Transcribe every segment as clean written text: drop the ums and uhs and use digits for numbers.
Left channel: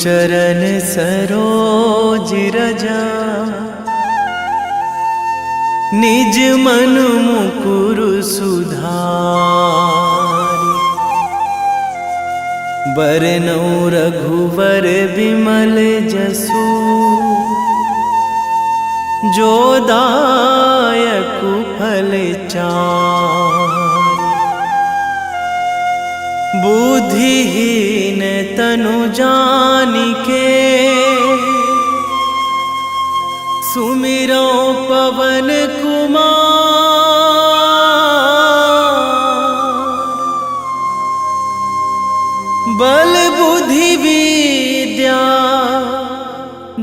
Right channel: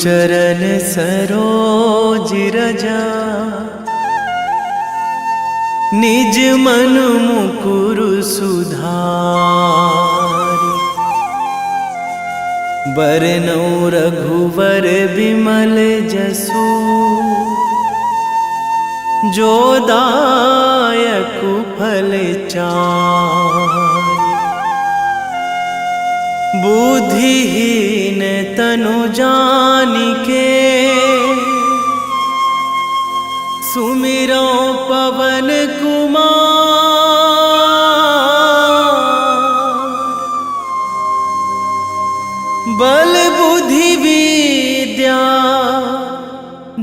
चरण सरोज रजा, निज मन मुकुर सुधारि। बरनौ रघुवर विमल जसु, जो दायक फल चारि। बुद्धिहीन तनु जानिके, सुमिरो पवन कुमार। बल बुद्धि विद्या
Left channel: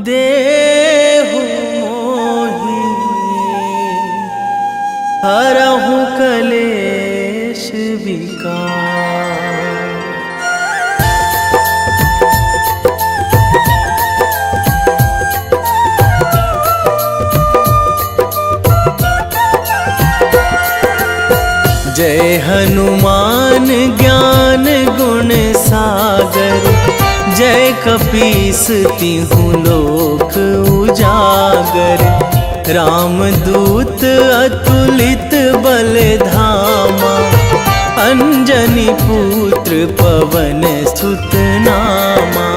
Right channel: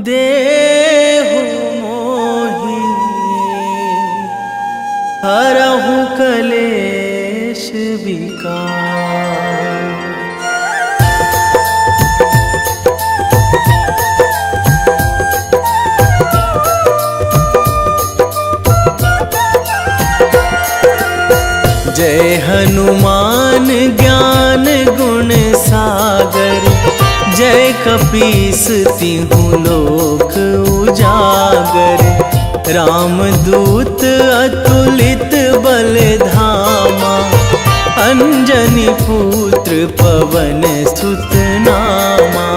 देहु मोहि, हरहु कलेश विकार। जय हनुमान ज्ञान गुण सागर, जय कपीस तिहु लोक उजागर। रामदूत अतुलित बल धामा, अंजनी पुत्र पवन सुत नामा।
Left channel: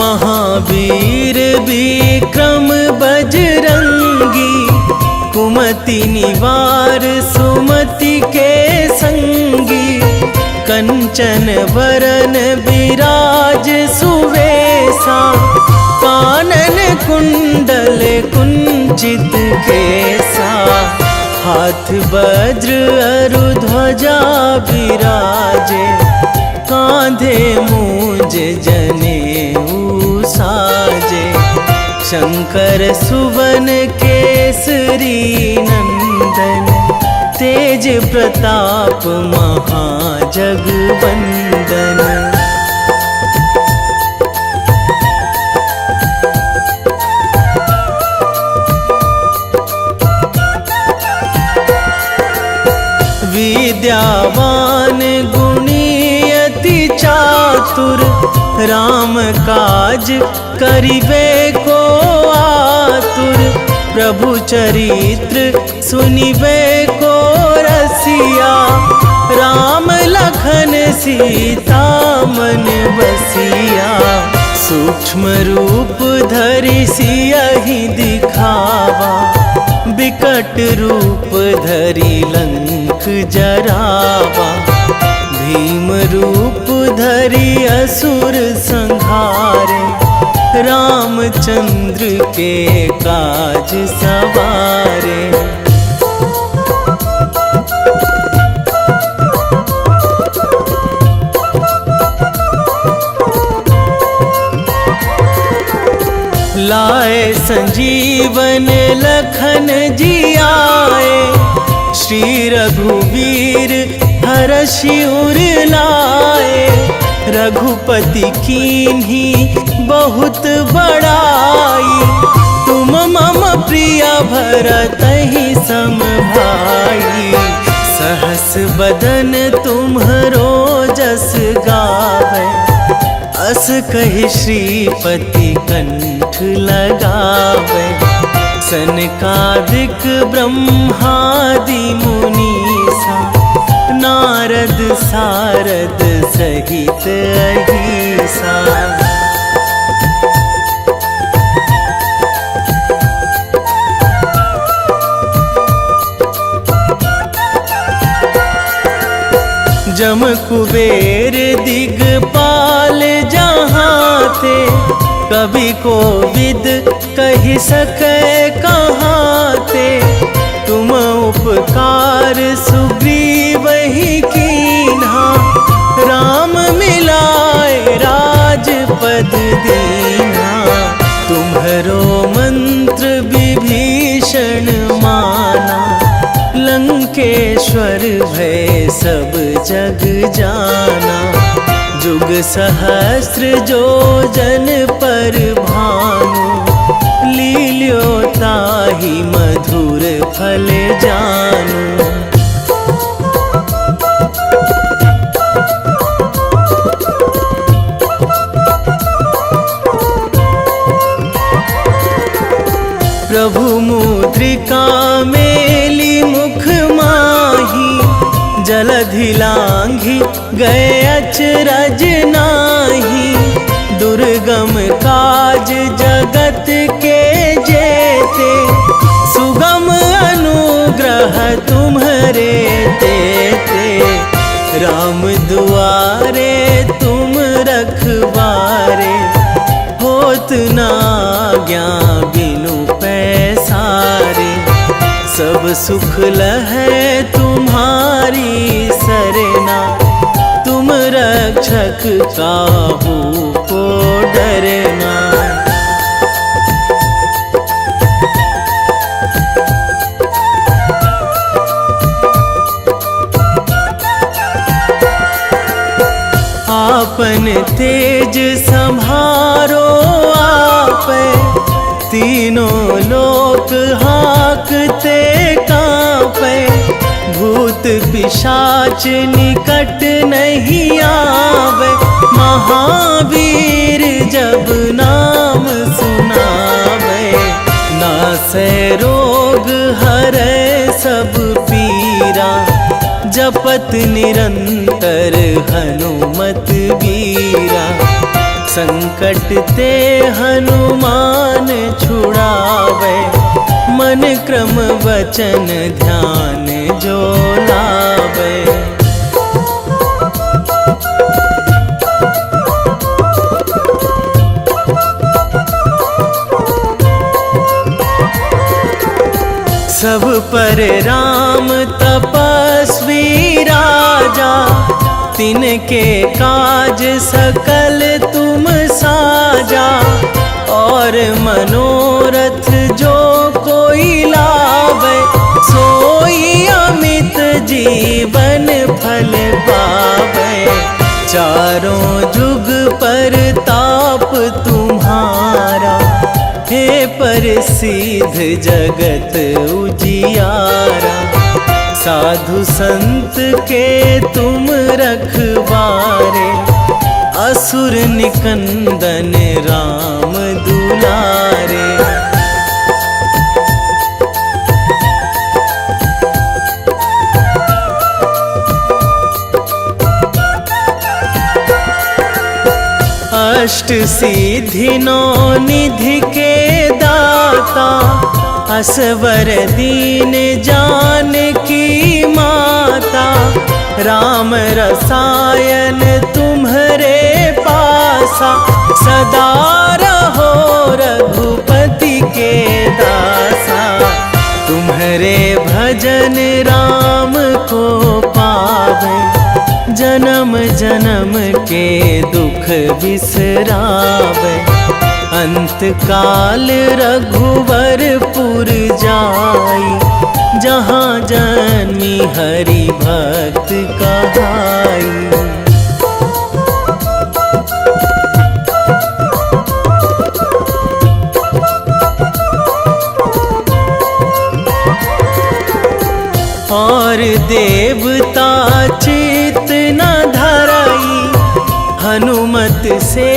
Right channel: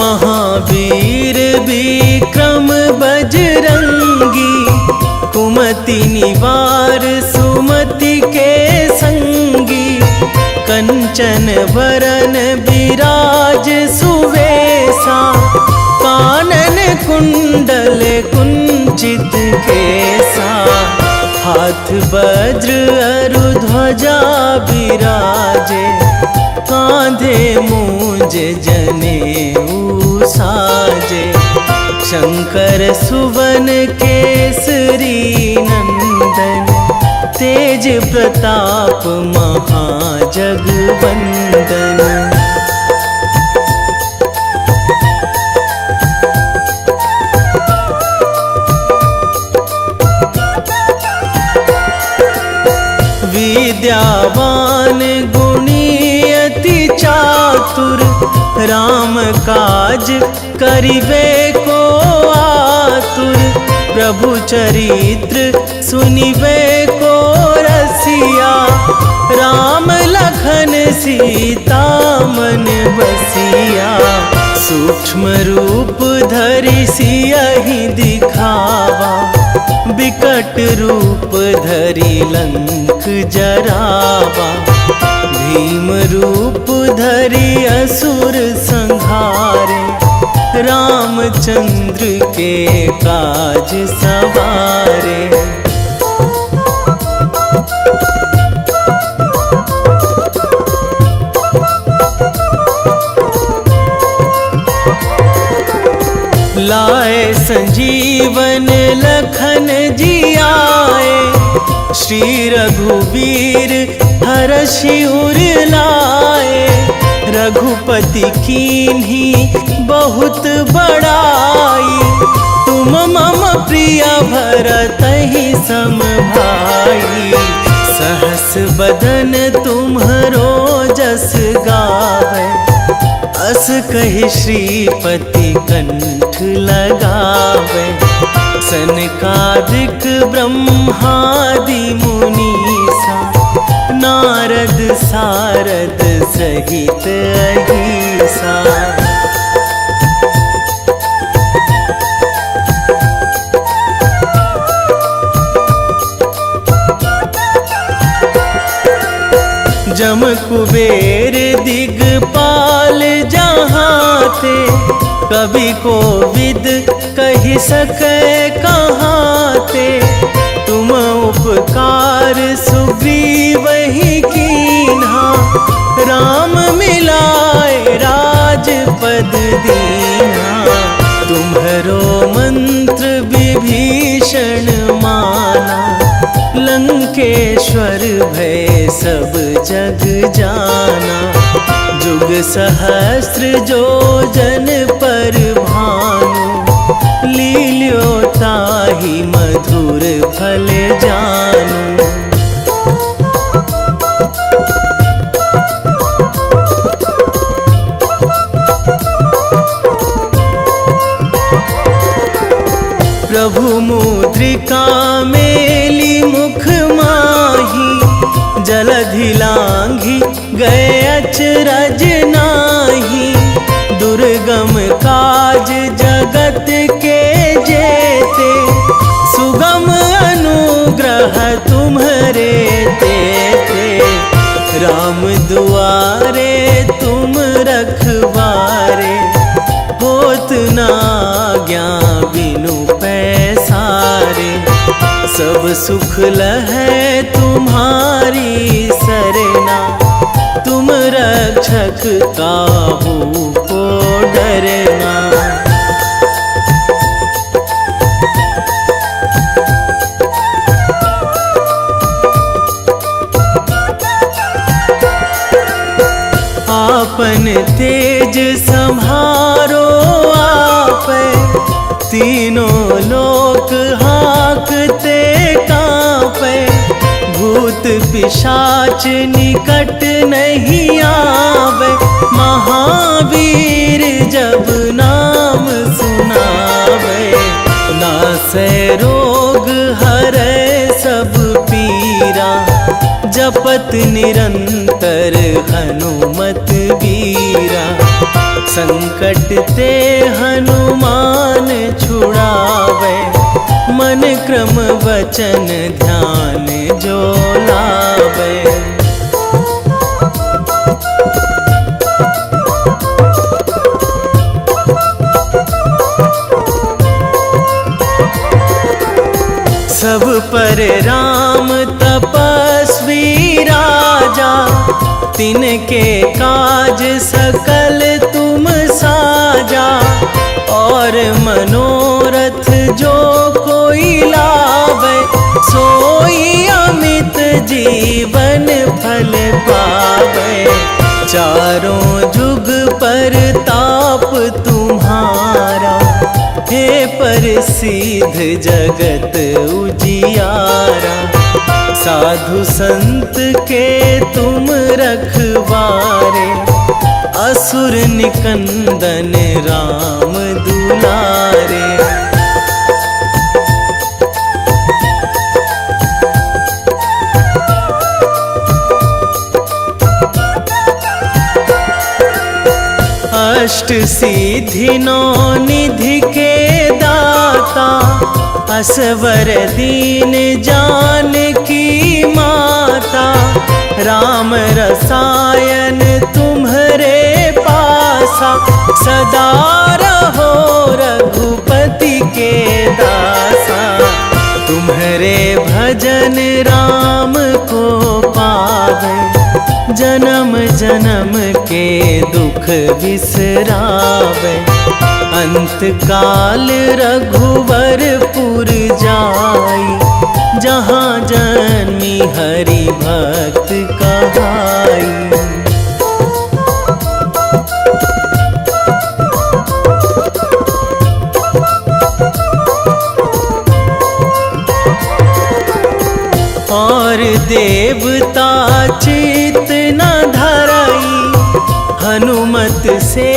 महावीर विक्रम बजरंगी, कुमति निवार सुमति के संगी। कंचन वरन विराज सुवेशा, कानन कुंडल कुंचित केसा। हाथ वज्र अरु ध्वजा विराजे, कांधे मूंज जनेऊ साजे। शंकर सुवन केसरी नंदन, तेज प्रताप महाजगवंदन। विद्यावान गुणी अति चातुर, राम काज करिबे को आतुर। प्रभु चरित्र सुनिबे को रसिया, राम लखन सीता मन बसिया। सूक्ष्म रूप धरि सियहि दिखावा, बिकट रूप धरि लंक जरावा। भीम रूप धरि असुर संहारे, रामचंद्र के काज सवारे। लाए संजीवन लखन जियाए, श्री रघुवीर हरषि उर लाए। रघुपति कीन्ही बहुत बड़ाई, तुम मम प्रिय भरतहि सम भाई। सहस बदन तुम्हरो जस गावै, अस कहि श्रीपति कंठ लगावै। सनकादिक ब्रह्मादि मुनीसा, नारद सारद सहित अहिसा। जम कुबेर दिगपाल जहाँ थे, कवि कोविद कहि सकै कहाँ ते। तुम उपकार सुग्रीवहि कीन्हा, राम मिलाए राजपद दीन्हा। तुम्हरो मंत्र विभीषण माना, लंकेश्वर भय सब जग जाना। जुग सहस्र जो जन पर भानु, लील्यो ताहि मधुर फल जानू। प्रभु मुद्रिका मेली मुख माही, जलधि लांघी गए अचरज नाही। दुर्गम काज जगत के जेते, सुगम अनुग्रह तुम्हरे तेते। राम दुआरे तुम रखवारे, होत ना आज्ञा बिनु पैसारे। सब सुख लहै तुम्हारी सरना, तुम रक्षक काहू को डरना। आपन तेज संभारो आपै, तीनों लोक हाकते कांपै। भूत पिशाच निकट नहीं आवे, महावीर जब नाम सुनावे। नासै रोग हरै सब पीरा, जपत निरंतर हनुमत वीरा। संकट ते हनुमान छुड़ावे, मन क्रम वचन ध्यान जो लावे। सब पर राम तपस्वी राजा, तिनके काज सकल तुम साजा। और मनोरथ जो कोई लावे, सोई अमित जीवन फल पावे। चारों जुग पर ताप तुम्हारा, हे प्रसिद्ध जगत उजियारा। साधु संत के तुम रखवारे, असुर निकंदन राम दुलारे। अष्ट सिद्धि नौ निधि के दाता, असवर दीन जानकी माता। राम रसायन तुम्हरे पासा, सदा रहो रघुपति के दासा। तुम्हरे भजन राम को पावे, जन्म जन्म के दुख बिसरावे। अंत काल रघुवरपुर जाई, जहाँ जन्मी हरि भक्त कहाई। और देवता चित न धरई, हनुमत से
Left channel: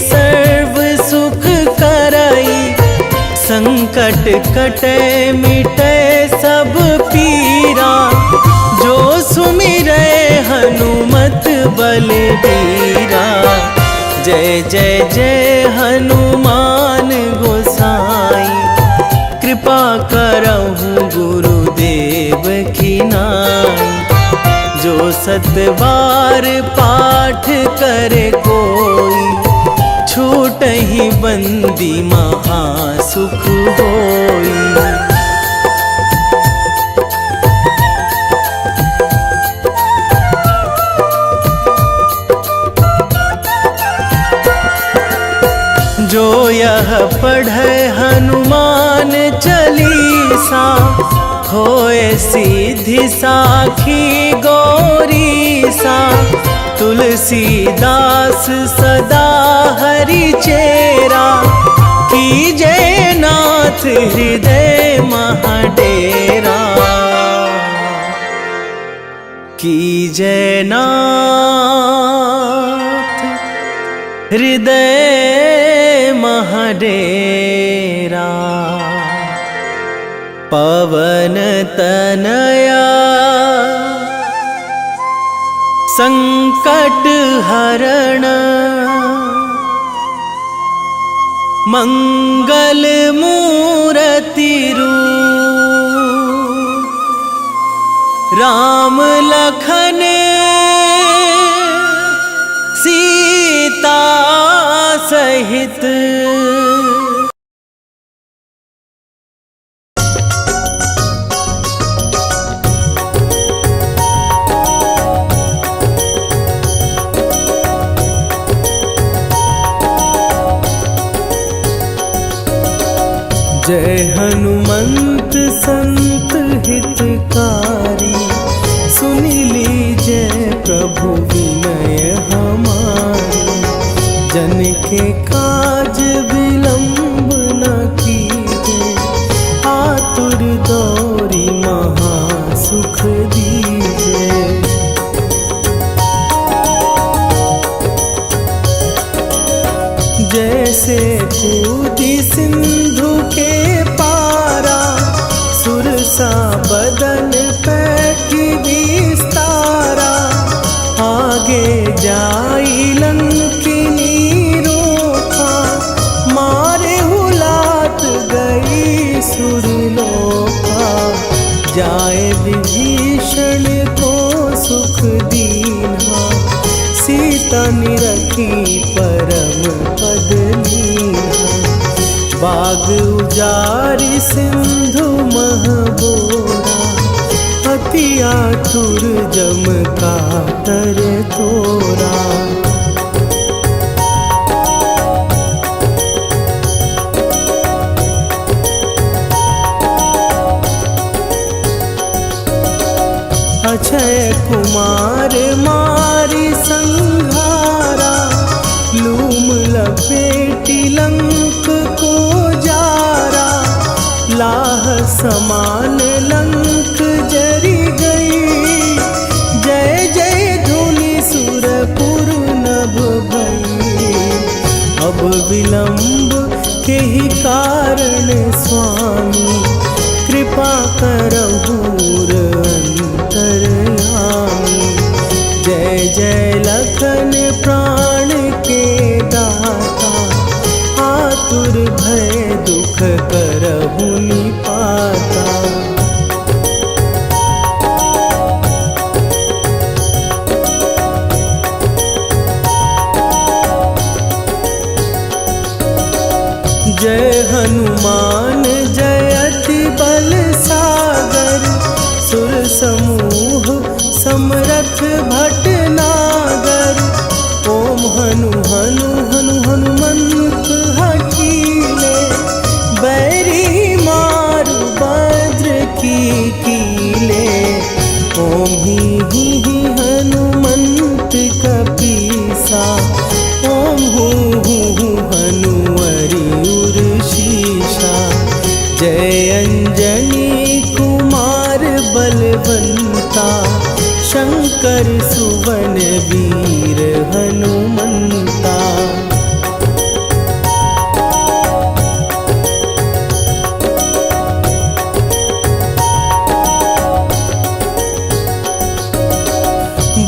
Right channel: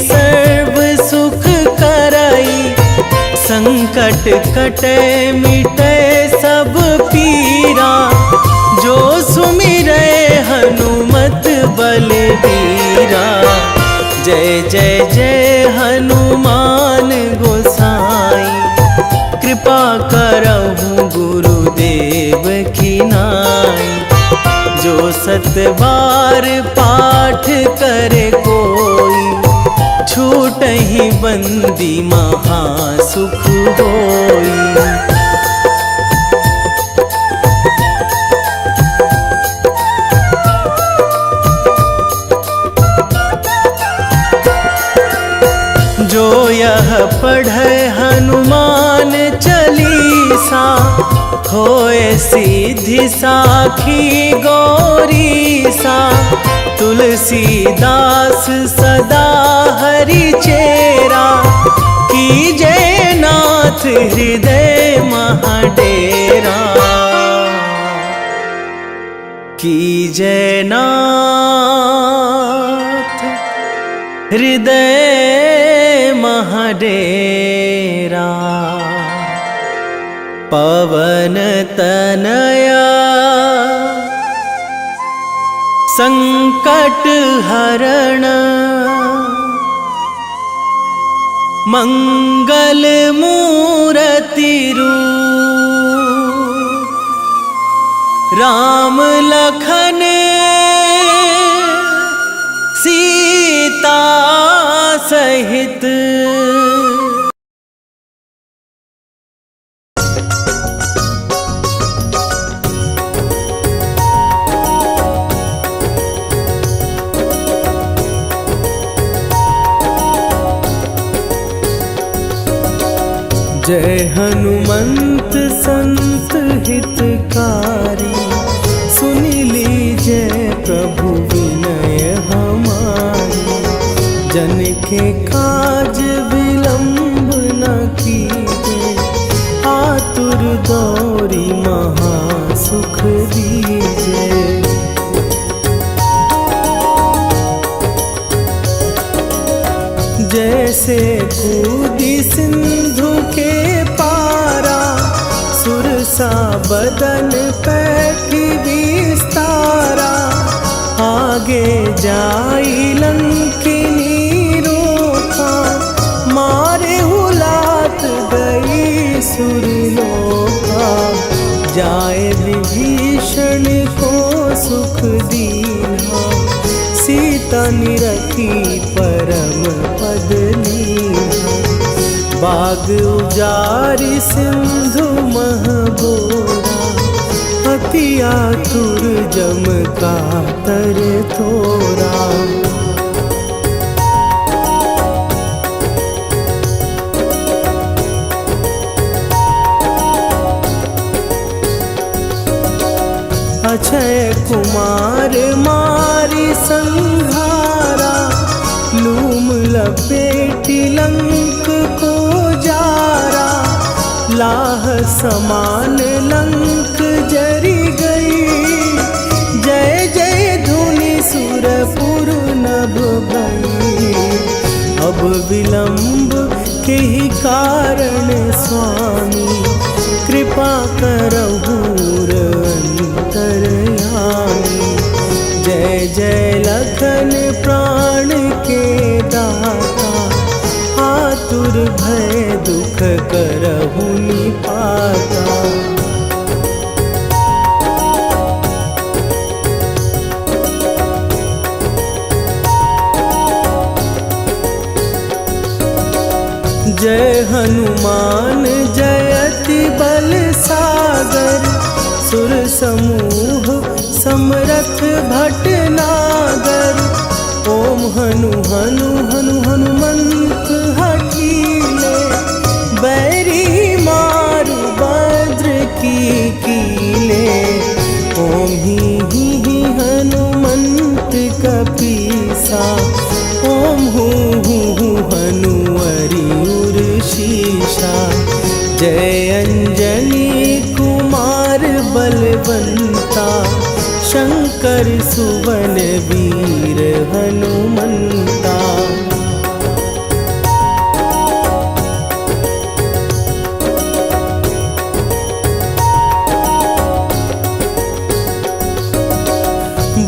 सर्व सुख करई। संकट कटे मिटे सब पीरा, जो सुमिरै हनुमत बलबीरा। जय जय जय हनुमान गोसाई, कृपा करहु गुरुदेव की नाई। जो सतबार पाठ करे कोई, छूटहि बंदी महासुख होई। जो यह पढ़े हनुमान चालीसा, होए सीधी साखी गौरीसा। तुलसीदास सदा हरि चेरा, कीजे नाथ हृदय महाडेरा, कीजे नाथ हृदय महाडेरा। पवन तनया संकट हरण, मंगल मूर्ति रूप, राम लखन सीता सहित। जय हनुमंत संत हितकारी, सुन लीजय प्रभु विनय हमारी। जन के काज विलंब न कीजे, आतुर दौरी महासुख दीजे। जैसे कूदी सिंधु के पारा, सुरसा बदन पैठी विस्तारा। आगे जाई लंकिनी रोका, मारे हुलात गई सुरलोका। जाए विभीषण को सुख दीन्हा, सीता निरखी परम पद लीन्हा। बाग उजारि सिंधु महबोरा, अति आतुर जम कातर तोरा। अक्षय कुमार मारी संघारा, लूम लपेटी लंक को जारा। लाह समान लंक जरी गई, जय जय धुनि सुरपुर नभ भई। अब विलंब के ही कारण स्वामी, कृपा करहु अंतरयामी। जय जय लखन प्राण के दाता, आतुर भय दुख करहु निपाता। जय हनुमान जयति बल सागर, सुर समूह समरथ भटनागर। ओम हनु हनु हनु हनुमंत हठीले, बैरी मारु भद्र की कीले। ओम ही हनुमंत कपीसा, ओम हूँ हनुमरि उर्शीषा। जय अंजनी कुमार बलवंता, शंकर सुवन वीर हनुमंता।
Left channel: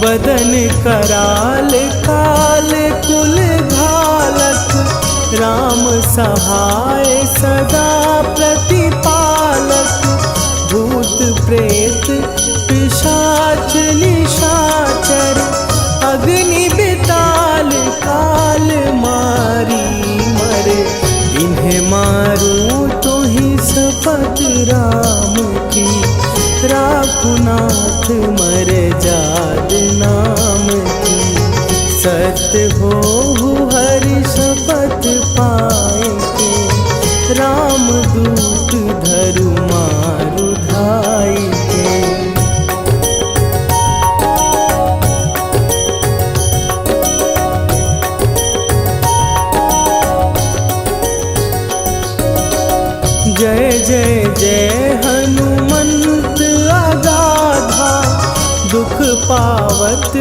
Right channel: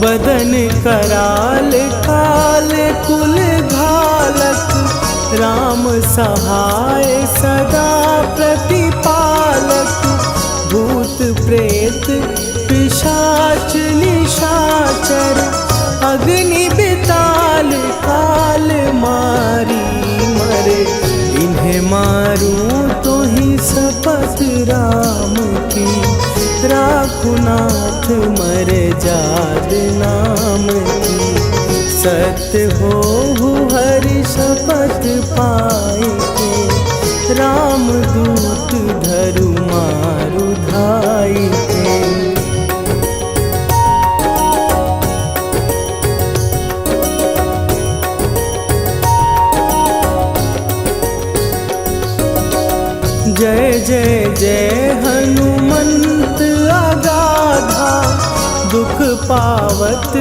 बदन कराल काल कुल घालक, राम सहाय सदा प्रतिपालक। भूत प्रेत पिशाच निशाचर, अग्नि बिताल काल मारी मरे। इन्हें मारूं तो ही शपथ राम की, राखुनाथ मर जाद नाम की। सत्य हो हरि शपथ पाए के, राम दूत धरु मारु धाई के। जय जय हनुमंत अगाधा, दुख पावत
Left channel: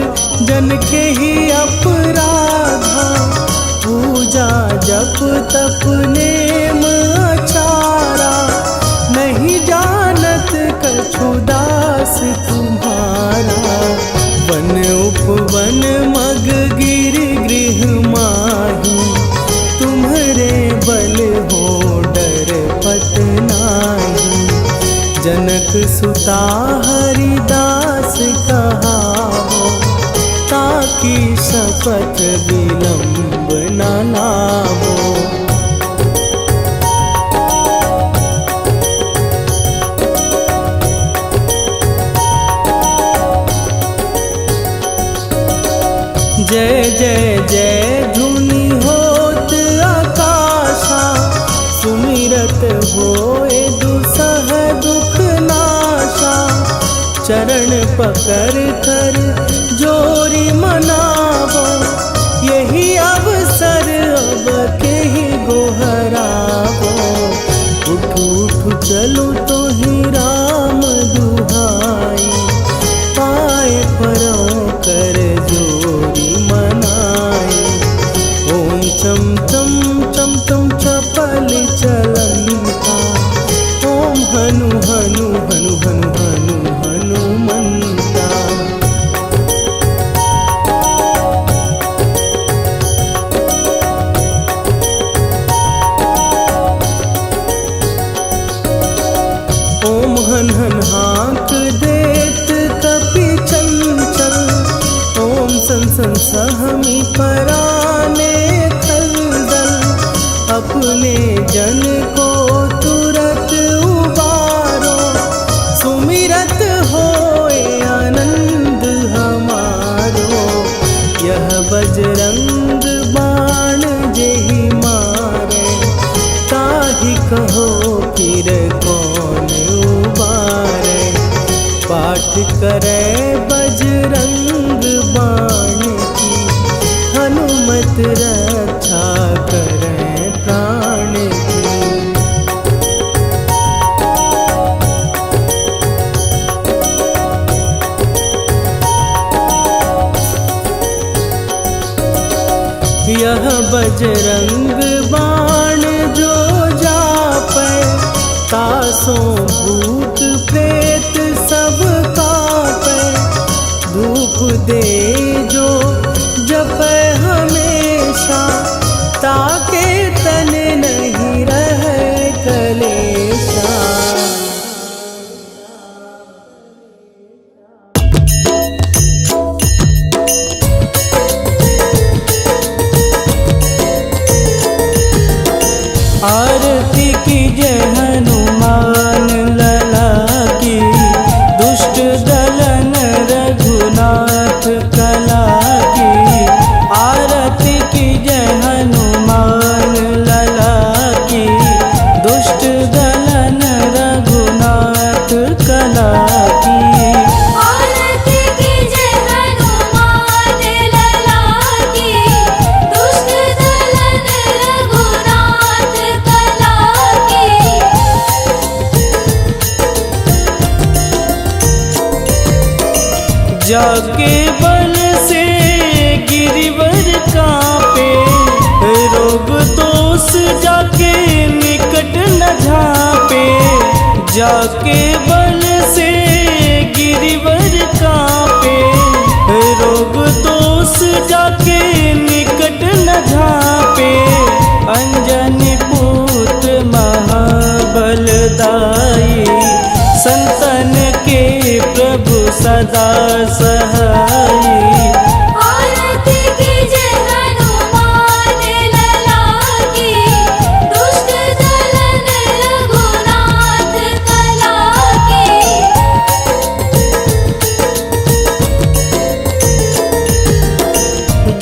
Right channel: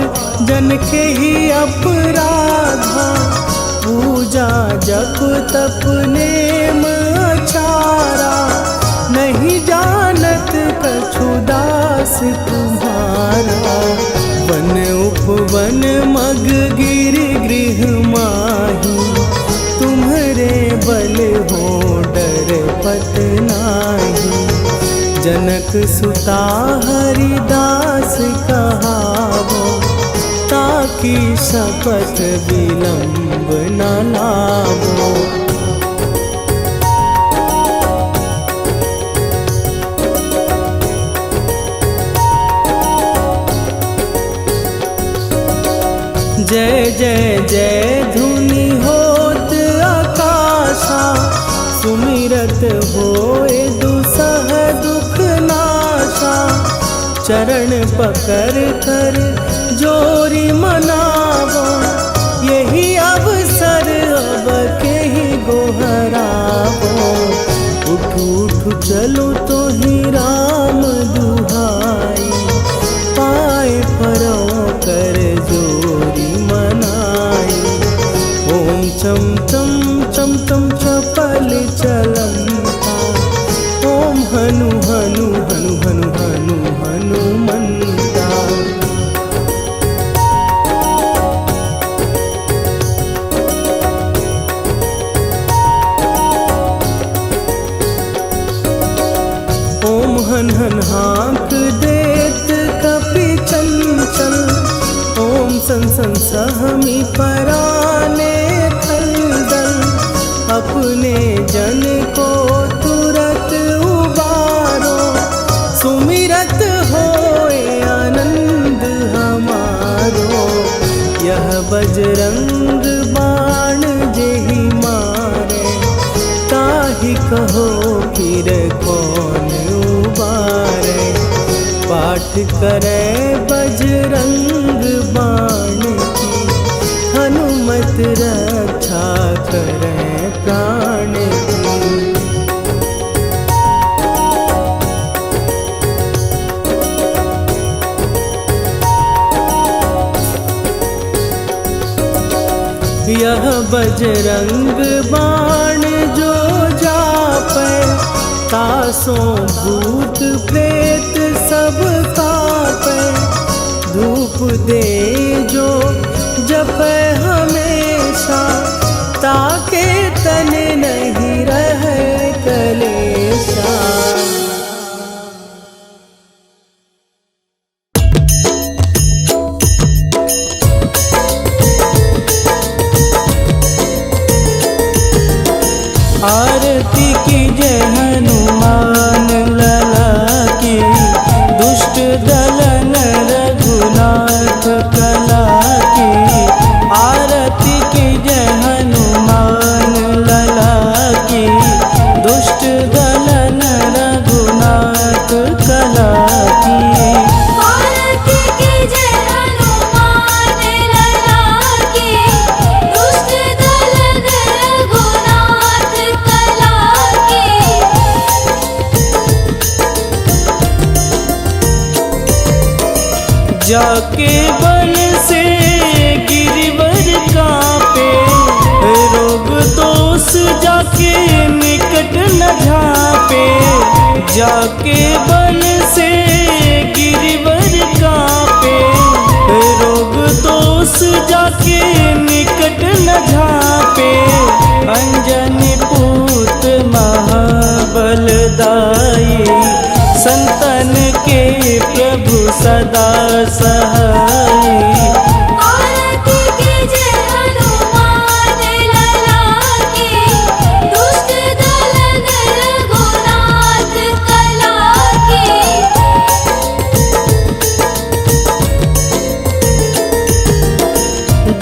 जन के ही अपराधा। पूजा जप तप नेम अचारा, नहीं जानत कछु दास तुम्हारा। वन उपवन मग गिर गृह माही, तुम्हरे बल हो डर पत नाही। जनक सुता हरिदास कहावो, ताकि शपथ विलंब न लावो। जय जय जय धुनि होत आकाशा, सुमिरत होए दुसह दुख नाशा। चरण पकड़ कर जोरी मनावो, यही अवसर अब के ही गोहरावो। उठू उठू चलो तो ही राम दुहाई, पाए परों कर जोरी मनाई। ओम चम चम चम चम चपल चलंता, ओम हनु हनु हनु हनु हनु हनुमंता। ओम हन हन हाँक देत कपि चंचल, ओम सन सन सहमी पराने खलदल। अपने जन को तुरत उबारो, सुमिरत होए आनंद हमारो। यह बजरंग बाण जेहि मारे, ताहि कहो फिर कौन उबारे। पाठ करे बजरंग बाण की, हनुमत रक्षा करे प्राण की। यह बजरंग बाण जो जापै, तासों भूत प्रेत सब कापै। धूप दे जो जपै हमेशा, ताके तन नहीं रहे कलेशा। आरती की जय हनुमान लला की, दुष्ट दलन रघुनाथ कला की। आरती की जय हनुमान लला की, दुष्ट दलन रघुनाथ कला की। जाके बल से गिरिवर कांपे, रोग दोष जाके निकट न झांपे। जाके बल से गिरिवर कांपे, रोग दोष जाके निकट न झांपे। अंजनी पूत महाबलदाई, संतन के प्रभु सदा सहाई। आरती की जय हनुमान लला की, दुष्ट दलन रघुनाथ कला की।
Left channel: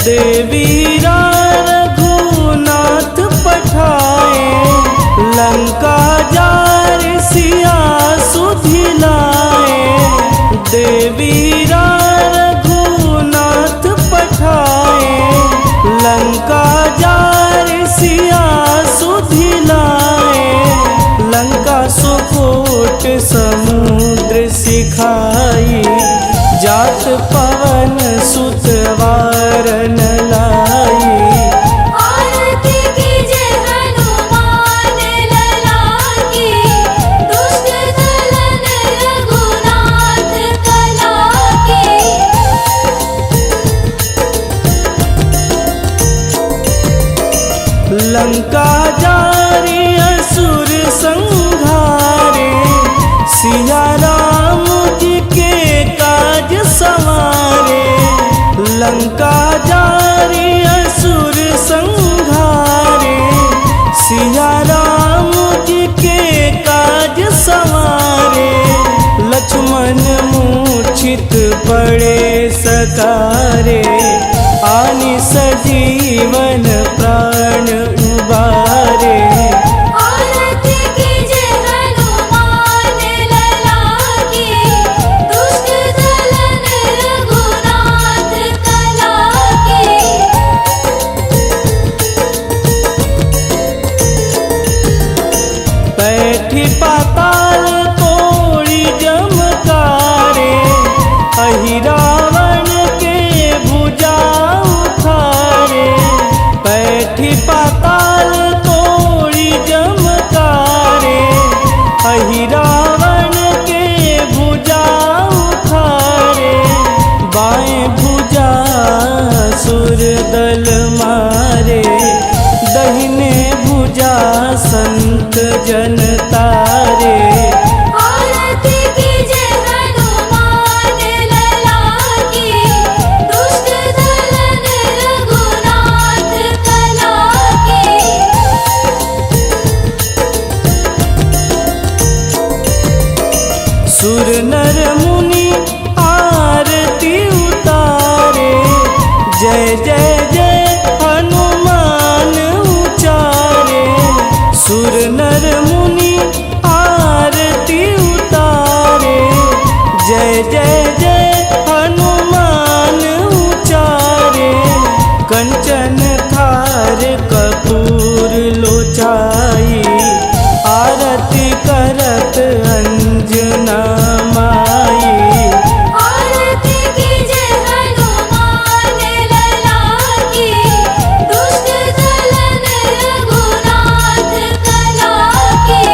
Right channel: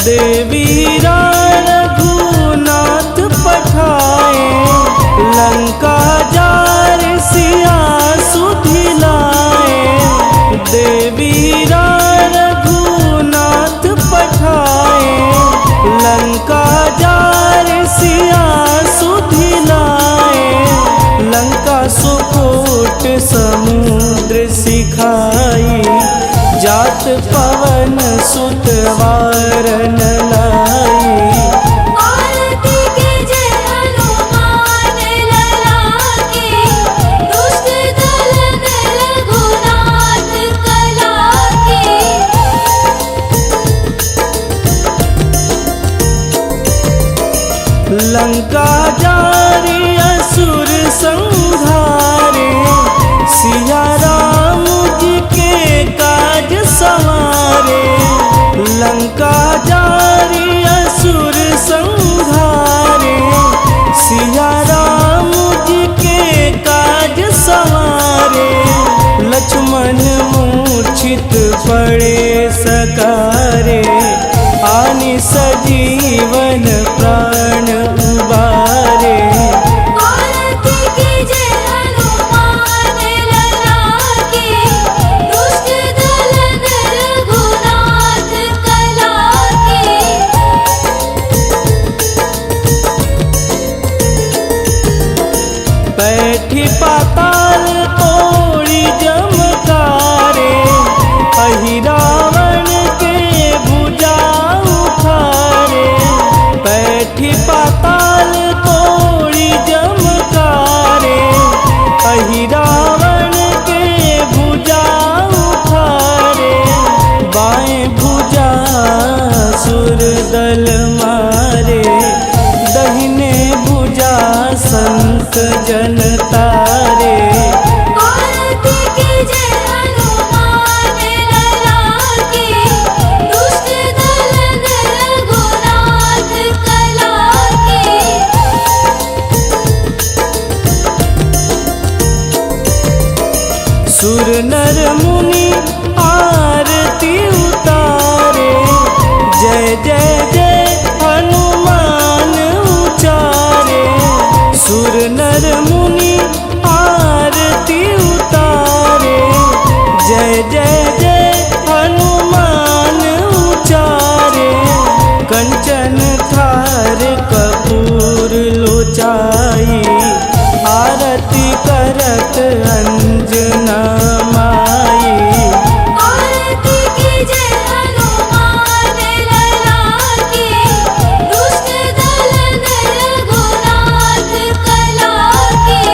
देवीरा रघुनाथ पठाए, लंका जार सिया सुधिलाए। देवीरा रघुनाथ पठाए, लंका जार सिया सुधिलाए। लंका सुकोट समुद्र सिखाई, जात पवन सुत वारन लाई। आरती कीजे हनुमान लला की, दुष्ट दलन रघुनाथ कला की। लंका जारी असुर संहारे, सिया राम जी के काज संवारे। लंका जारी असुर संहारे, सिया राम जी के काज संवारे। लक्ष्मण मूर्छित पड़े सकारे, आनि सजीवन प्राण उबारे। आरती कीजे हनुमान लला की, दुष्ट दलन रघुनाथ कला की। बैठी पाताल तोड़ी जमकारे, अहि रावण के भुजा उखारे। बैठी पाताल तोड़ी जमकारे, अहि रावण के भुजा उखारे। बाएं भुजा सुर दल मारे, दहिने भुजा संत जन तारे। आरती कीजे हनुमान लला की, दुष्ट दलन रघुनाथ कला की। सुर नर मुनि आरती उतारे, जय जय जय हनुमान उचारे। सुर नर मुनि आरती उतारे, जय जय जय हनुमान उचारे। कंचन थार कपूर लोचाई, आरती करत अंजना माई। आरती कीजे हनुमान लला की, दुष्ट दलन रघुनाथ कला की।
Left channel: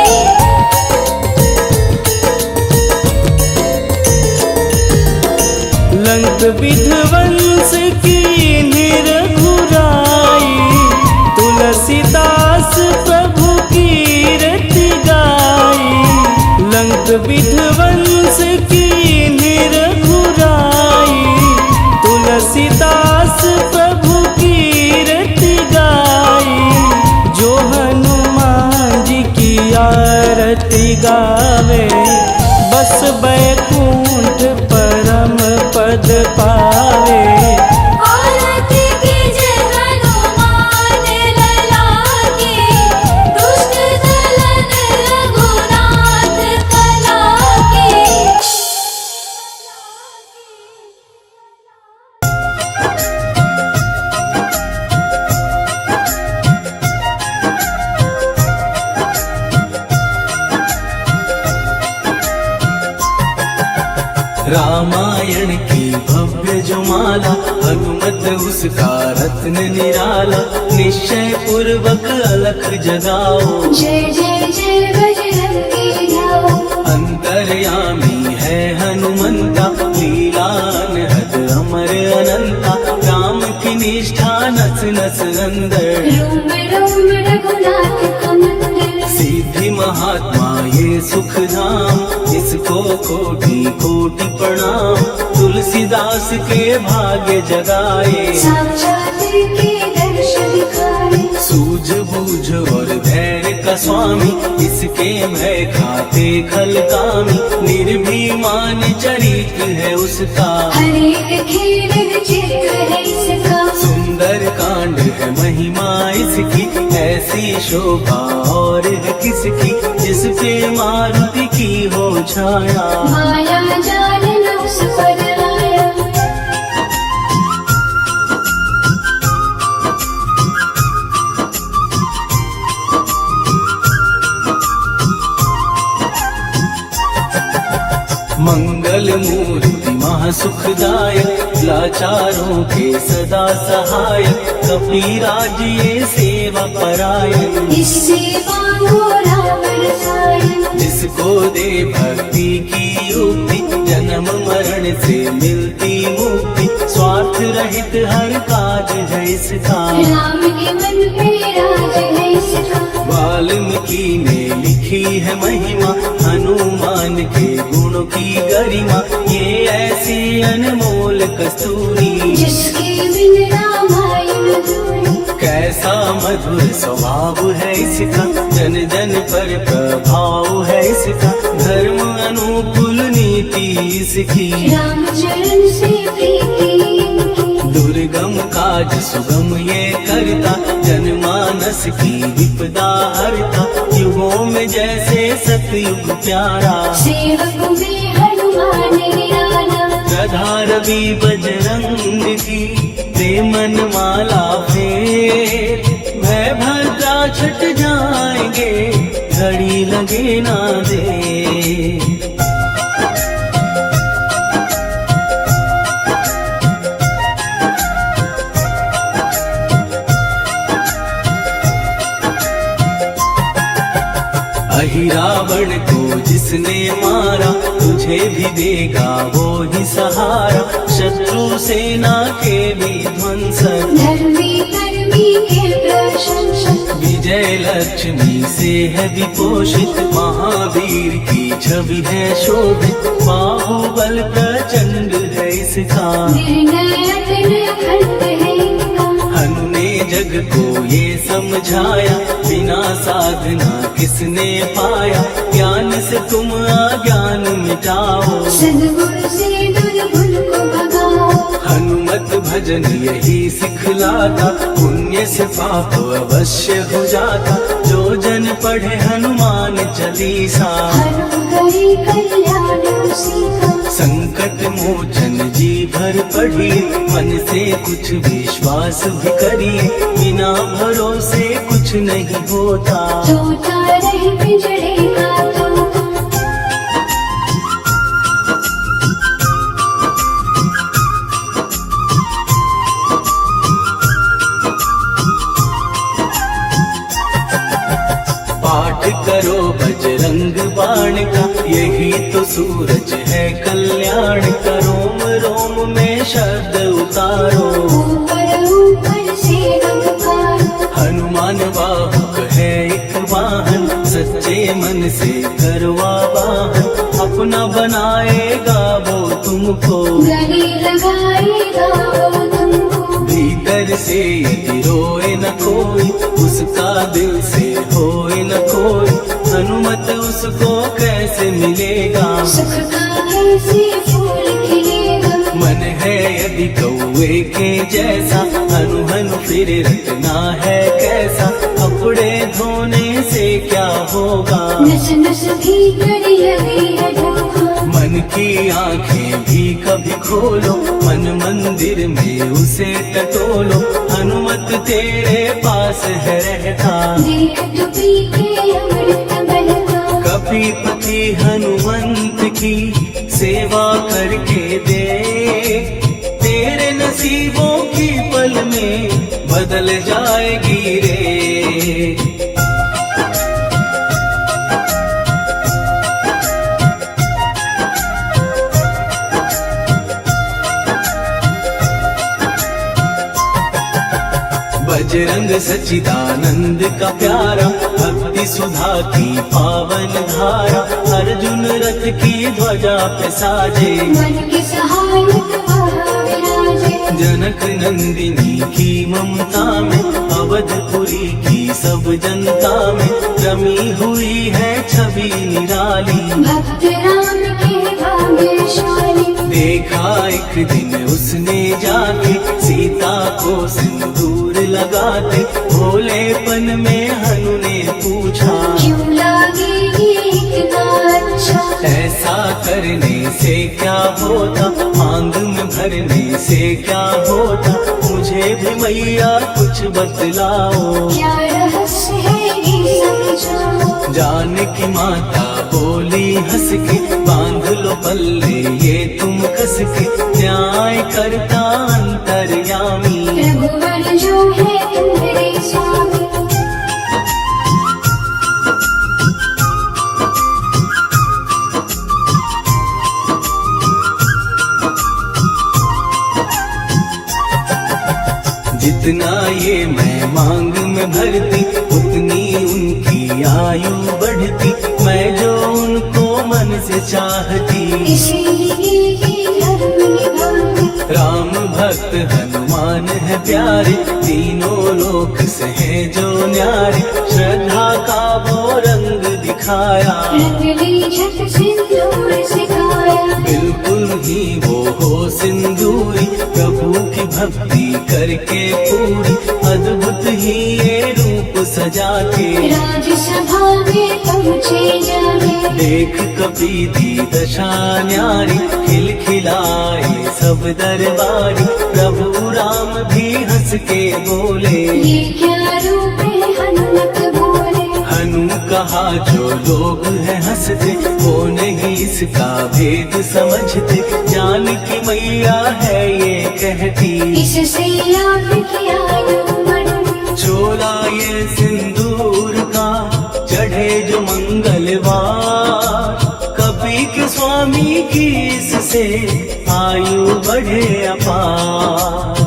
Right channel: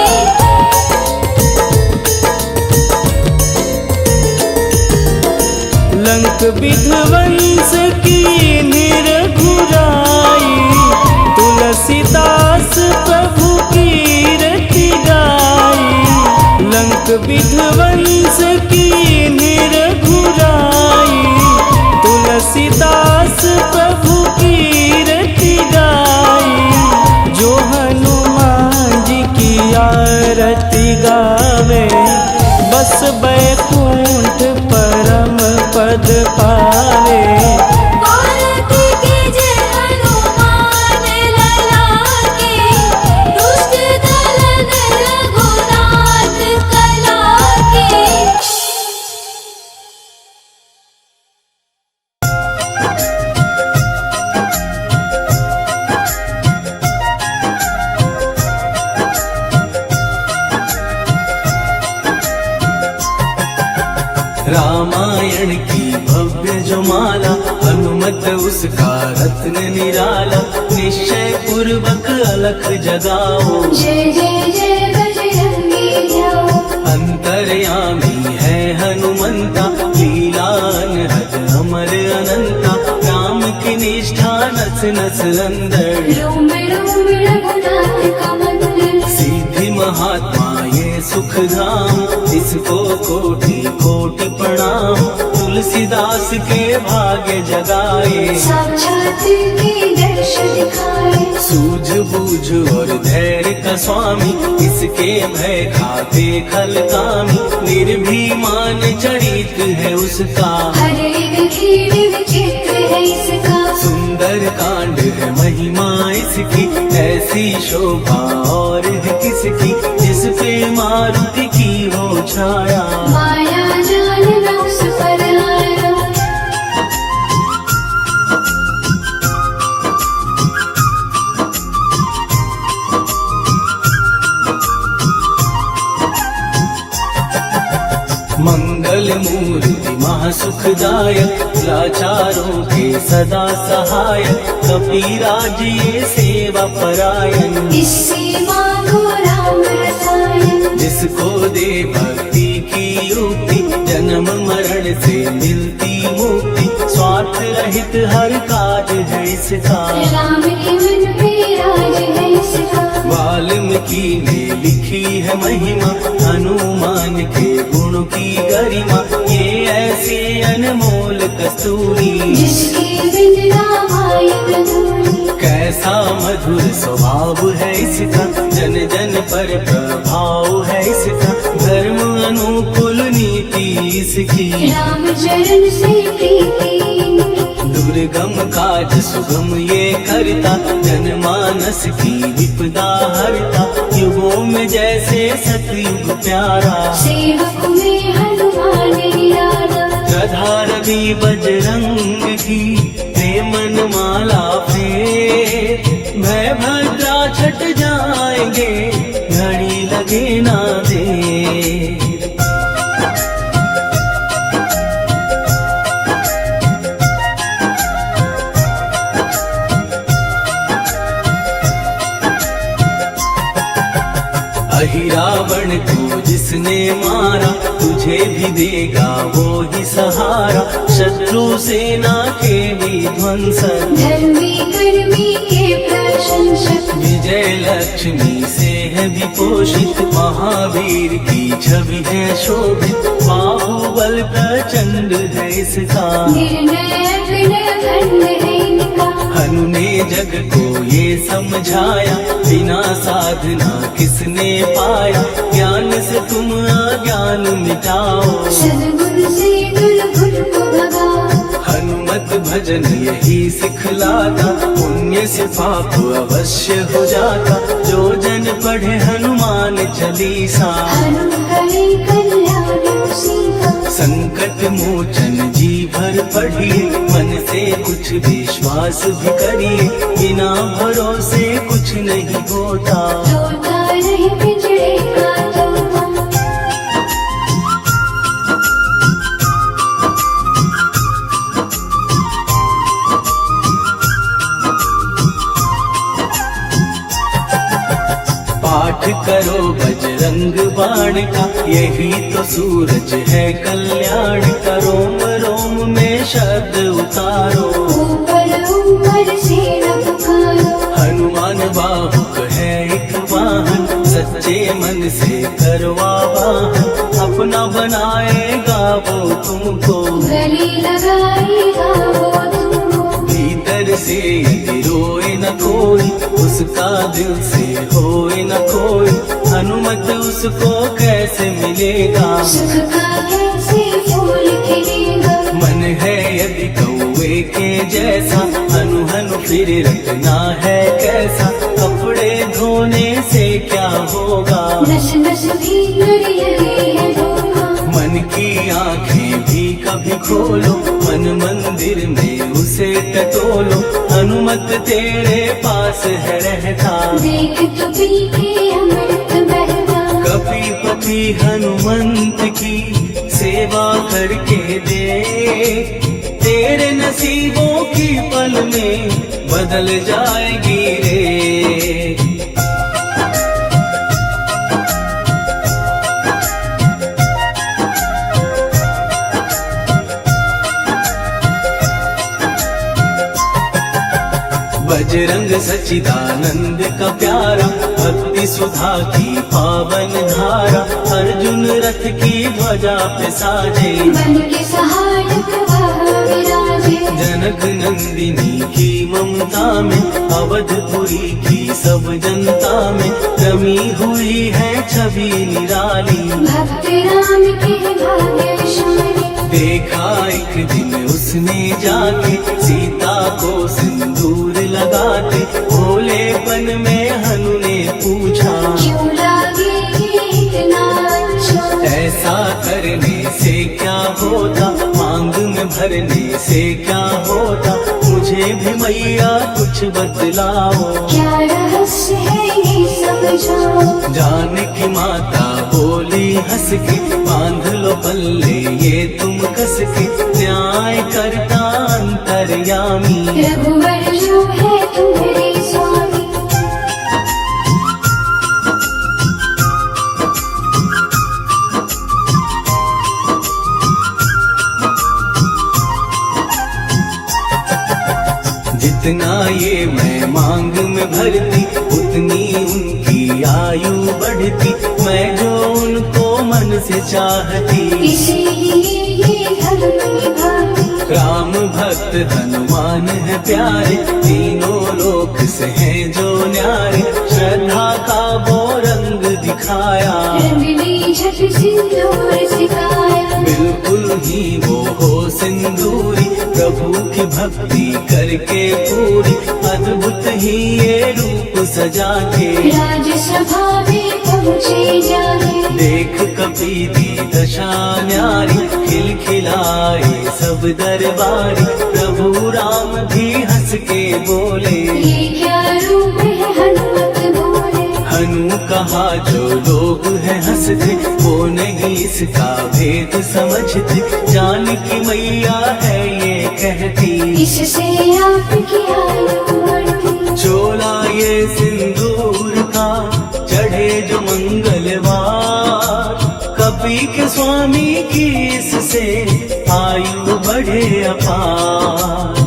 लंक विध्वंस की निरघुराई, तुलसीदास प्रभु कीरति गाई। लंक विध्वंस की निरघुराई, तुलसीदास प्रभु कीरति गाई। जो हनुमान जी की आरती गावे, बस बैकुंठ परम पद पावे। आरती कीजे हनुमान लला की, दुष्ट दलन रघुनाथ कला की। रामायण की भव्य जो माला, हनुमत उसका रत्न निराला। निश्चय पूर्वक अलख जगाओ, जय जय जय बजरंगी जाओ। अंतर्यामी है हनुमंता, लीला अनहद अमर अनंता। राम की निष्ठा नस नस अंदर, रोम रोम रघुनाथ का मंदिर। सिद्धि महात्मा ये सुख धाम, जिसको कोटि कोटि प्रणाम। तुलसीदास के भाग्य जगाए, साक्षात के दर्श दिखाए। सूझबूझ और धैर्य का स्वामी, इसके भय खाते खल कामी। निर्भीमान चरित है उसका, हरे हीर चित्र है इसका। सुंदर कांड है महिमा इसकी। ऐसी शोभा और है किसकी, जिस पे मारुति की हो छाया। माया जाल न उस पर आया। मंगल मूर्ति महासुखदायक, लाचारों के सदा सहायक, कपीराज ये सेवा परायण। इससे मांगो राम रसायन, जिसको दे भक्ति की युक्ति, जन्म मरण से मिलती मुक्ति, स्वार्थ रहित हर काज है इसका, राम के मन पे राज है इसका। वाल्मीकि ने लिखी है महिमा, हनुमान के गुण की गरिमा, ये ऐसी अनमोल कस्तूरी, जिसकी बिन रामायण अधूरी। कैसा मधुर स्वभाव है इसका, जन जन पर प्रभाव है इसका, धर्म अनुकूल नीति इसकी, राम चरण से प्रीति इनकी। दुर्गम काज सुगम ये करता, जनमानस की विपदा हरता, युगों में जैसे सतयुग प्यारा, सेवक में हनुमान निराला। गधा रवि बजरंग की, दे मन माला फेर, भय भद्रा छट जाएंगे, घड़ी लगे ना देर। रावण को जिसने मारा, तुझे भी देगा वो ही सहारा, शत्रु सेना के भी ध्वंसक, धर्मी कर्मी के प्रशंसक। विजय लक्ष्मी से है विपोषित, महावीर की छवि है शोभित, बाहुबल प्रचंड है इसका, निर्णायक अखंड है इनका। हनु ने जग को ये समझाया, बिना साधना किसने पाया, ज्ञान से तुम अज्ञान मिटाओ, सद्गुरु से दुर्गुण को भगाओ। हनुमत भजन यही सिखलाता, पुण्य से पाप अवश्य हो जाता, जो जन पढ़े हनुमान चालीसा, हरि कल्याण सीता। संकट मोचन जी भर पढ़िए, मन से कुछ विश्वास भी करिए, बिना भरोसे कुछ नहीं होता, तोता नहीं पिंजड़े का तोता। पाठ करो बजरंग बाण का, यही तो सूरज है कल्याण का, रोम रोम में शब्द उतारो, ऊपर ऊपर से नमकारो। हनुमान बाहुक है एक वाहन, सच्चे मन से करवा वाहन, अपना बनाएगा वो तुमको, गले लगाएगा वो तुमको। भीतर से यदि रोए न कोई, उसका दिल से होए न कोई, हनुमत उसको कैसे मिलेगा, सुख का कैसे फूल खिलेगा। मन है यदि कौवे के जैसा, हनु हनु फिर रखना है कैसा, कपड़े धोने से क्या होगा, नस नस भीतर यही है धोखा। मन की आंखें भी कभी खोलो, मन मंदिर में उसे टटोलो, हनुमत तेरे पास है रहता, देख तो पीके अमृत बहता। कपीपति हनुमंत की सेवा करके दे, तेरे नसीबों की पल में बदल जाएगी रे। बजरंग सच्चिदानंद का प्यारा, भक्ति सुधा की पावन धारा, अर्जुन रथ की ध्वजा पे साजे, मन के सहायक वह विराजे। जनक नंदिनी की ममता में, अवधपुरी की सब जनता में, रमी हुई है छवि निराली, भक्त राम के भाग्यशाली। देखा एक दिन उसने जाके, सीता को सिंदूर लगाते, भोलेपन में हनु ने पूछा, क्यों लागे ये इतना अच्छा। ऐसा करने से क्या होता, मांग में भरने से क्या होता, मुझे भी मैया कुछ बतलाओ, क्या रहस्य है ये समझाओ। जानकी माता बोली हंस के, बांध लो पल्ले ये तुम कस के, न्याय करता अंतर्यामी। रघुवर जो है तुम्हारे स्वामी, जितना ये मैं मांग में भरती, उतनी उनकी आयु बढ़ती। मैं जो उनको मन से चाहती, इसीलिए ये धर्म निभाती। राम भक्त हनुमान है प्यारे, तीनों लोक से हैं जो न्यारे। श्रद्धा का वो रंग दिखाया, रंगली झट सिंदूर सिखाया। बिल्कुल ही वो हो सिंदूरी, प्रभु की भक्ति करके पूरी। अद्भुत ही ये रूप सजा के, राजसभा में पहुँचे जागे। देख कपी दी दशा न्यारी, खिलखिलाई सब दरबारी। प्रभु राम भी हंस के बोले, ये क्या रूप है हनुमत बोले। हनु कहा जो लोग हैं हंसते, वो नहीं इसका भेद समझते। जान की मैया है ये कहती, इससे आपकी आयु बढ़ती। चोला ये सिंदूर का चढ़े जो मंगलवार, कपी के स्वामी की इससे आयु बढ़े अपार।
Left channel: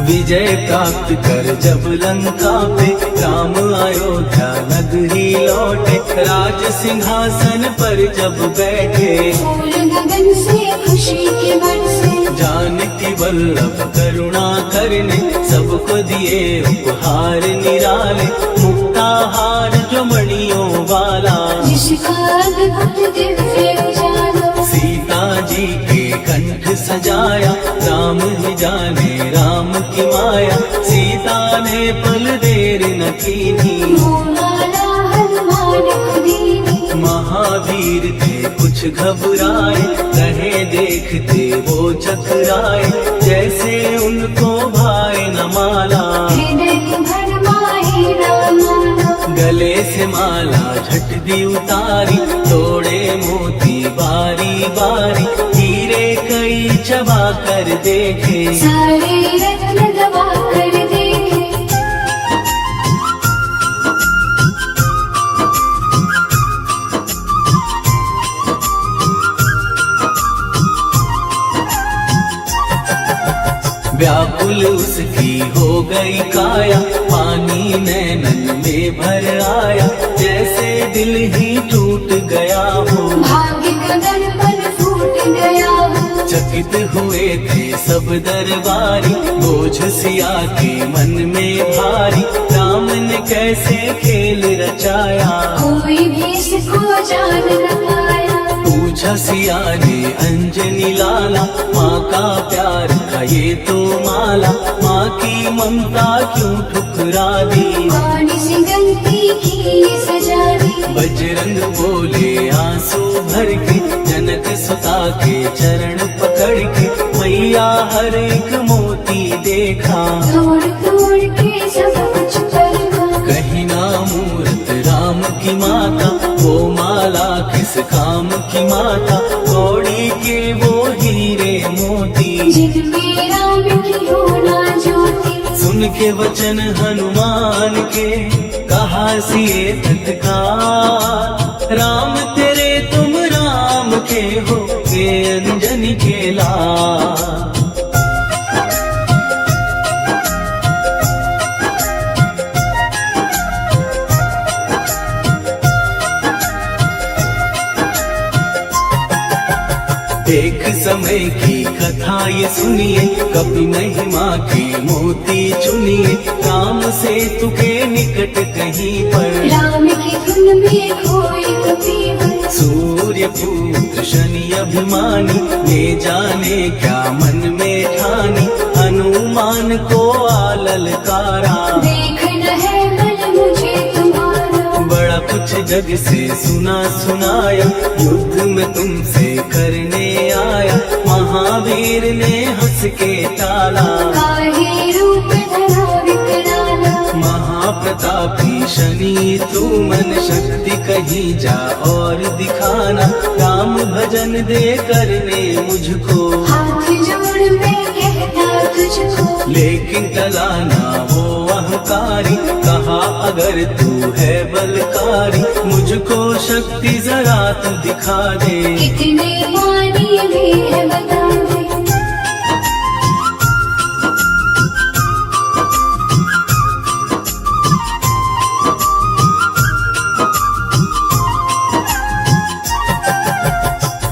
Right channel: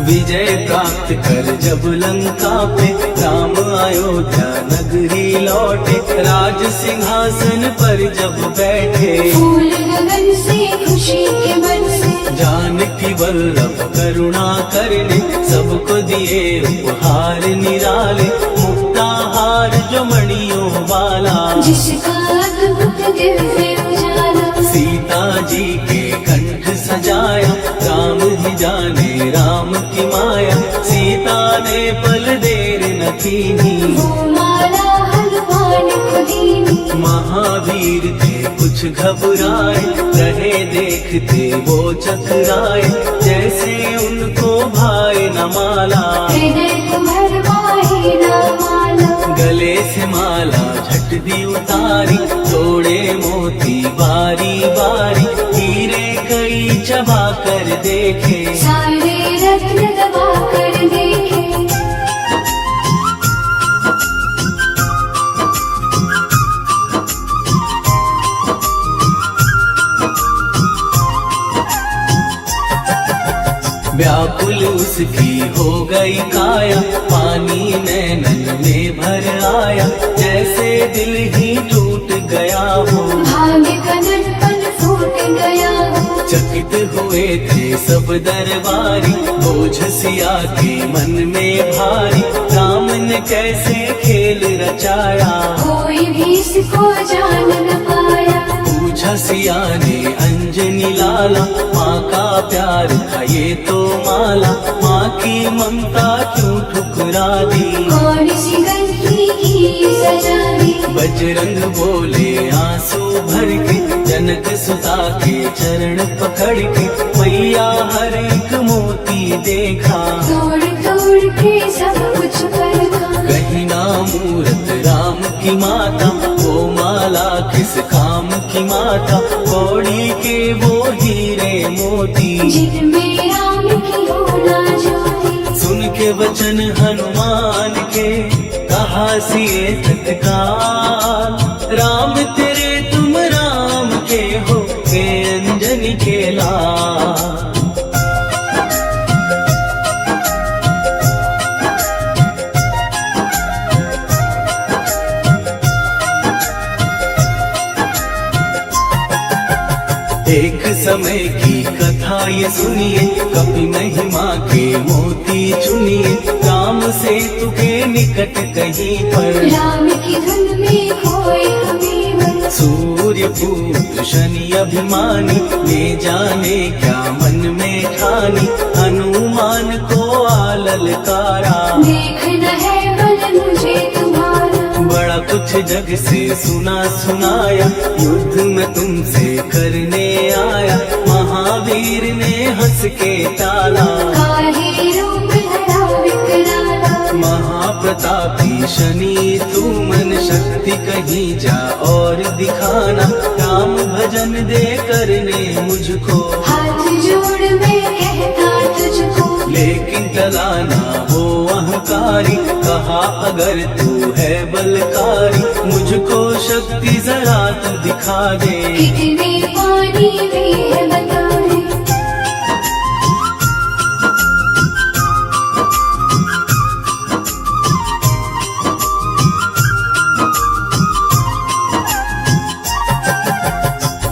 विजय प्राप्त कर जब लंका पे, राम अयोध्या नगरी लौटे। राज सिंहासन पर जब बैठे, फूल गगन से खुशी के बरसे। जानकी वल्लभ करुणा करने, सबको दिए उपहार निराले। मुक्ताहार जो मणियों वाला, जिसका अद्भुत दिव्य उजाला। सीता जी के कंठ सजाया, राम ही जाने राम की माया। सीता ने पल देर न कीनी, वो माला हनुमान को दीनी। महावीर थे कुछ घबराए, रहे देखते वो चकराए। जैसे उनको भाए न माला, हृदय को भरमाए ना माला। गले से माला झट दी उतारी, तोड़े मोती बारी बारी। हीरे कई चबा कर देखे, सारे रत्न दबा कर देखे। व्याकुल उसकी हो गई काया, पानी नैनन में भर आया। जैसे दिल ही टूट गया हो, भाग्य का दर्पण फूट गया हो। चकित हुए थे सब दरबारी, बोझ सिया के मन में भारी। राम ने कैसे खेल रचाया, कोई भी इसको जान न पाया। पूछा सिया ने अंजनी लाला, माँ का प्यार था ये तो माला। माँ की ममता क्यों ठुकरा दी, कौन सी गलती की सजा दी। बजरंग बोले आंसू भर के, जनक सुता के चरण पकड़ के। मैया हर एक मोती देखा, तोड़ तोड़ के सब कुछ परखा। कहीं ना मूरत राम की माता, वो माला किस काम की माता। कौड़ी के वो हीरे मोती, जिनमें राम की होना ज्योति। सुन के वचन हनुमान के, कहा सिए तत्काल। राम तेरे तुम राम के हो, हे अंजनी के लाल। एक समय की कथा ये सुनिए, कभी महिमा के मोती चुनिए। राम से तुके निकट कहीं पर, राम की धुन में खोए कबीर। सूर्य पुत्र शनि अभिमानी, ये जाने क्या मन में ठानी। हनुमान को आललकारा, देखना है मन मुझे तुम्हारा। बड़ा कुछ जग से सुना सुनाया, युद्ध में तुमसे करने आया। महावीर ने हंस के टाला, काहे रूप धरा विकराला। महाप्रतापी शनि तू मन शक्ति कहीं जा और दिखाना, राम भजन दे करने मुझको, हाथ जोड़ मैं कहता तुझको। लेकिन टला ना हो अहंकारी, कहा अगर तू है बलकारी, मुझको शक्ति जरा तू दिखा दे। कितने पानी भी है बता दे।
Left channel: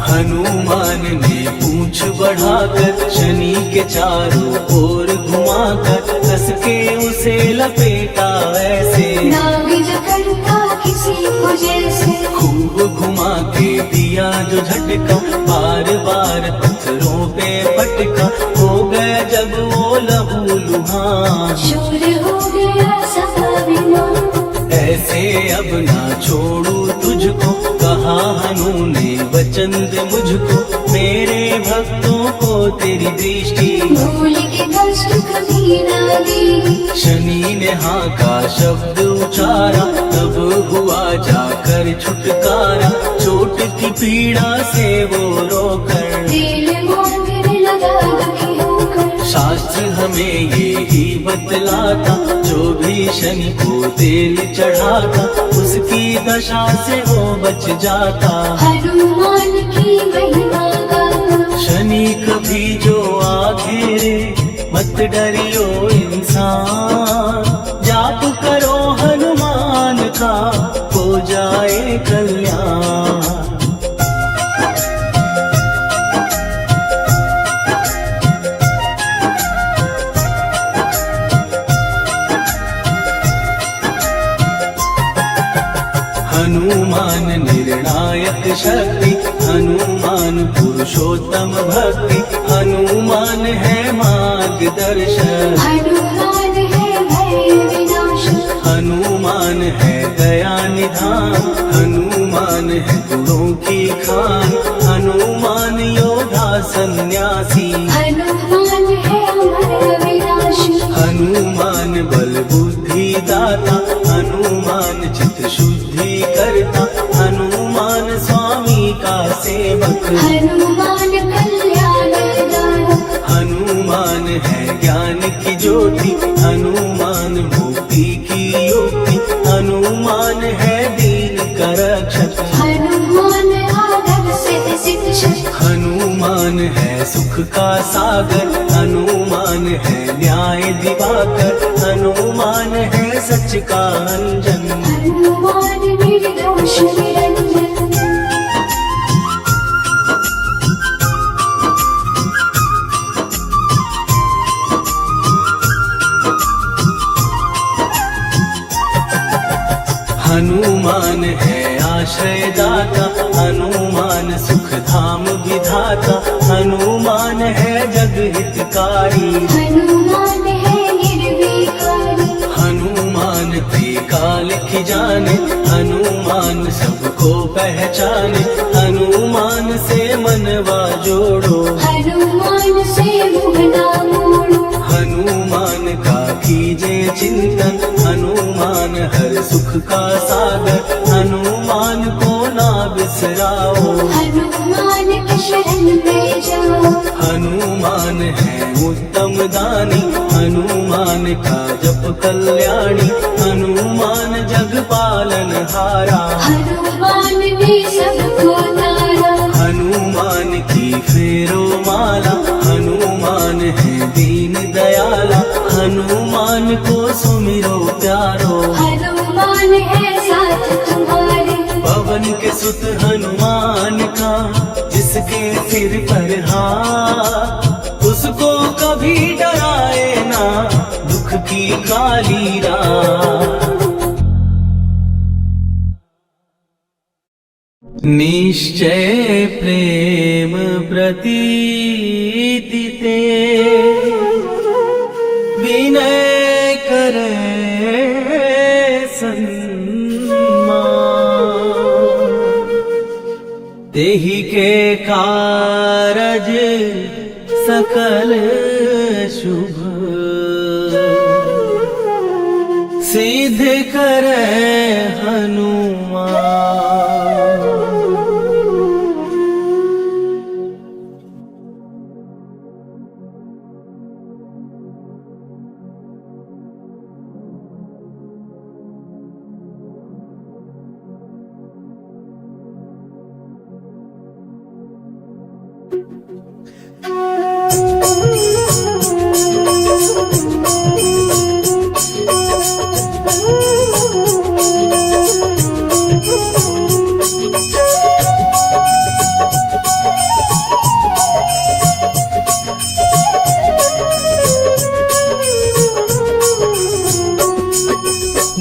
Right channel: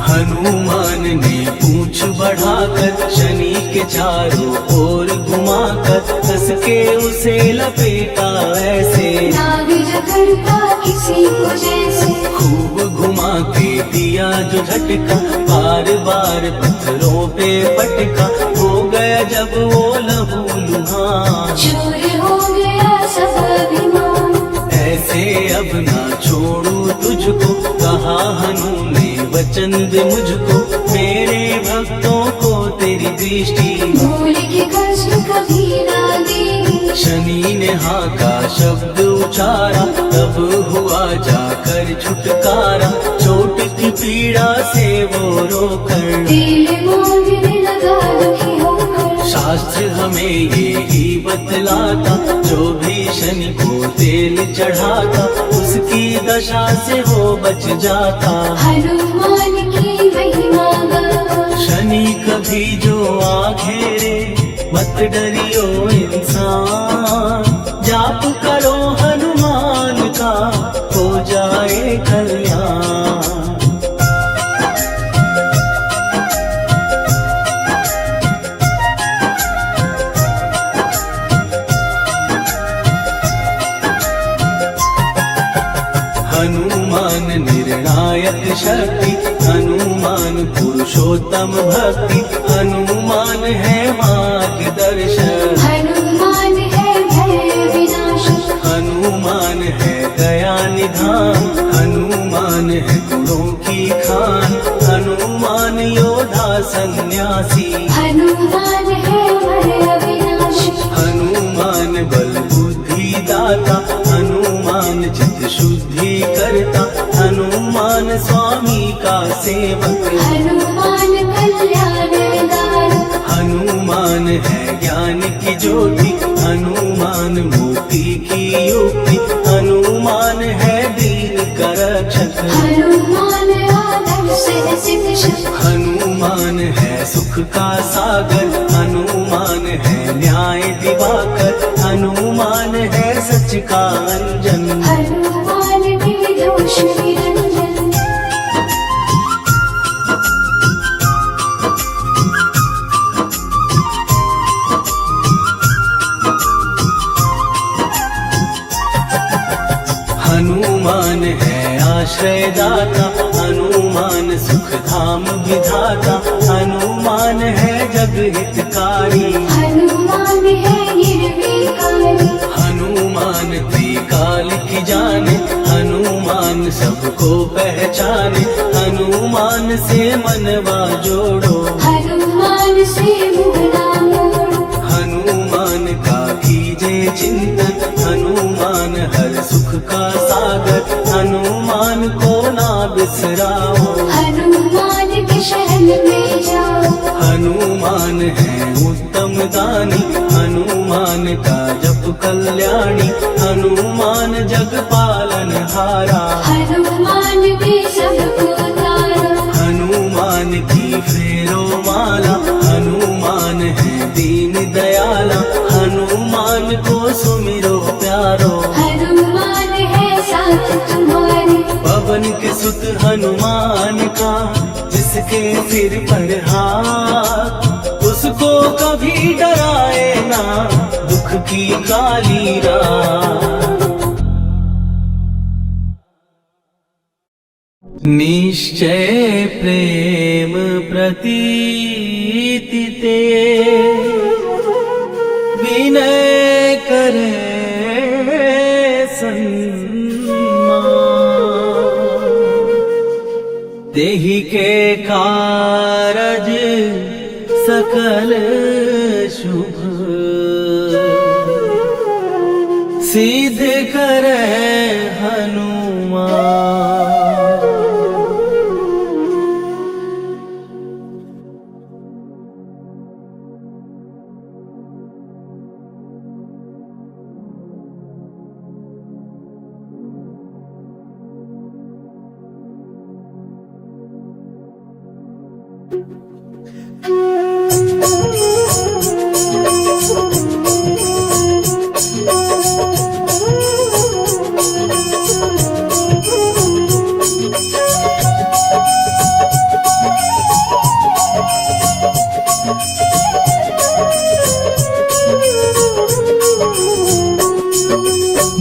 हनुमान ने पूंछ बढ़ाकर शनि के चारों ओर घुमाकर, कस के उसे लपेटा ऐसे, नाग जकड़ता किसी को जैसे। खूब घुमा के दिया जो झटका, बार बार पत्थरों पे पटका, हो गए जब वो लहू लुहान। शूर हो गया सब अभिमान, ऐसे अब ना छोड़ू तुझको, कहा हनु ने वचन दे मुझको, मेरे भक्तों को तेरी दृष्टि, भूल के कष्ट कभी ना देगी। शनि ने हाँ का शब्द उचारा, तब हुआ जाकर छुटकारा, चोट की पीड़ा से वो रोकर, दिल मांगने लगा दुखी होकर। शास्त्र हमें ये ही बतलाता, जो भी शनि को तेल चढ़ाता, उसकी दशा से वो बच जाता। हनुमान की महिमा गाता, शनि कभी जो आ घेरे, मत डरियो इंसान, जाप करो हनुमान का, हो जाए कल्याण। हनुमान निर्णायक शक्ति, हनुमान पुरुषोत्तम भक्ति, हनुमान है मार्गदर्शन, हनुमान है भय विनाशी। हनुमान है दया निधान, हनुमान है गुणों की खान, हनुमान योद्धा सन्यासी, हनुमान है भय विनाशी। हनुमान बल बुद्धि दाता, हनुमान चित्त शुद्धि करता, हनुमान स्वामी का सेवक, हनुमान कल्याणदायक। हनुमान है ज्ञान की ज्योति, हनुमान मुक्ति की युक्ति, हनुमान है दीन का रक्षक, हनुमान आदर से सिद्ध शक्ति। हनुमान है सुख का सागर, हनुमान है न्याय दिवाकर, हनुमान है सच का अंजन, हनुमान निर्दोष निरंजन। हनुमान है आश्रयदाता, हनुमान सुख धाम विधाता, हनुमान है जग हितकारी, हनुमान है निर्विकारी। हनुमान त्रिकाल की जाने, हनुमान सबको पहचाने, हनुमान से मनवा जोड़ो, हनुमान से मुँह ना मोड़ो। हनुमान का कीजे चिंतन, हनुमान हर सुख का सागर, हनुमान को ना बिसराओ, हनुमान के शरण में जाओ। हनुमान है उत्तम दानी, हनुमान का जप कल्याणी, हनुमान जग पालन हारा, हनुमान भी सबको तारा। हनुमान की फेरो माला, हनुमान है दीन दयाला, हनुमान को सुमिरो प्यारो, हनुमान है साथ तुम्हारे। पवन के सुत हनुमान का, जिसके सिर पर हाथ, उसको कभी डराए ना दुख की काली रात। निश्चय प्रेम प्रतीति ते, विनय करे सन्मान, तेहि के कारज सकल शुभ सिद्ध करे हनुमान।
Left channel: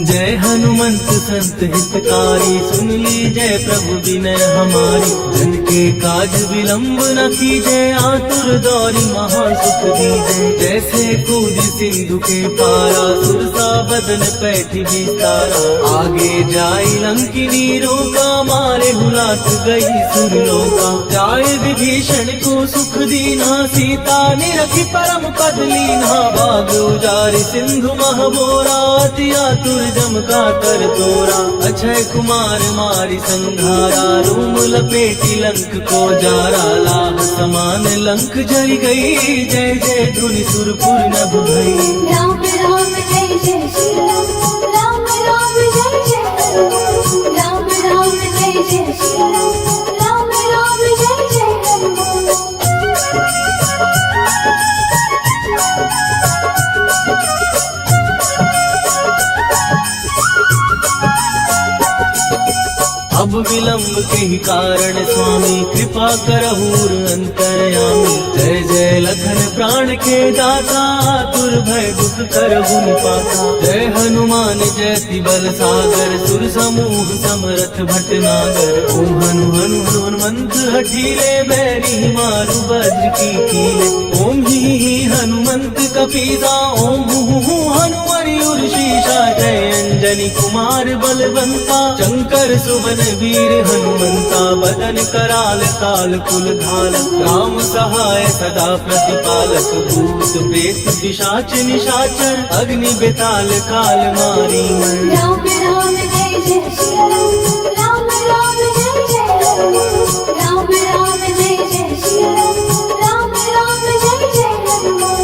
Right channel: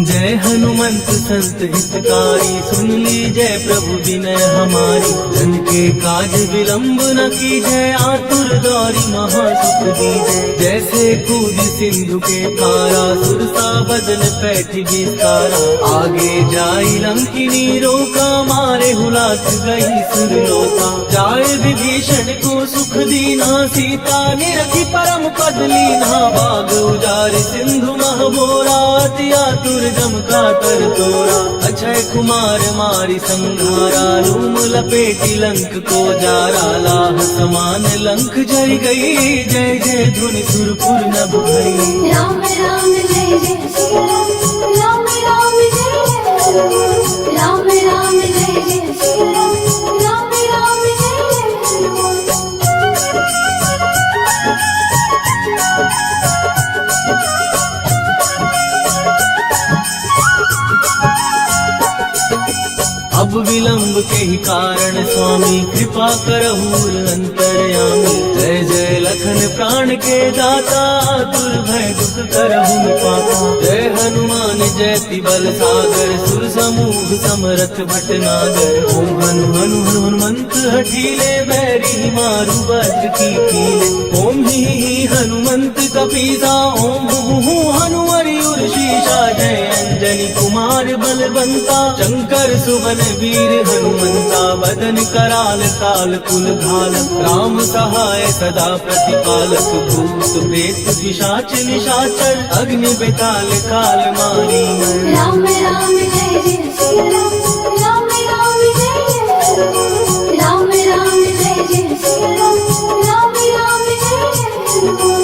जय हनुमंत संत हितकारी, सुन लीजय प्रभु विनय हमारी। जन के काज विलंब न कीजय, आतुर दौरी महासुख दीजय। जैसे कूद सिंधु के पारा, सुरसा बदन पैठ विस्तारा। आगे जाई लंकिनी रोका, मारे हुलात गई सुरलोका। जाय विभीषण को सुख दीना, सीता निरखी परम पद लीना। बाग उजार सिंधु महबोरा, अति आतुर जम का कर तोरा। अक्षय कुमार मारी संघारा, रूम लपेटी लंक को जारा। लाह समान लंक जय गई, जय जय धुनि सुरपुर नभ भई। राम राम जय जय श्री राम, राम राम जय जय हनुमान। राम राम जय जय श्री राम, राम राम जय जय हनुमान। अब विलंब के ही कारण स्वामी, कृपा करहु अंतर्यामी। जय जय लखन प्राण के दाता, दुर्भय दुख करहु पाता। जय हनुमान जयति बल सागर, सुर समूह समरथ भटनागर। ओम हनु हनु हनुमंत हठीले, बैरी मारु वज्र की कीले। ओम ही हनुमंत कपीसा, ओम हु हनुमरि शीशा। जय अंजनी कुमार बलवंता, शंकर सुवन वीर हनुमंता। बदन कराल काल कुल खालक, राम सहाय सदा प्रतिपालक। भूत प्रेत पिशाच निशाचर, अग्नि बेताल काल मारी मर। राम राम जय जय श्री राम, राम राम जय जय हनुमान। राम राम जय जय श्री राम, राम राम जय जय हनुमान।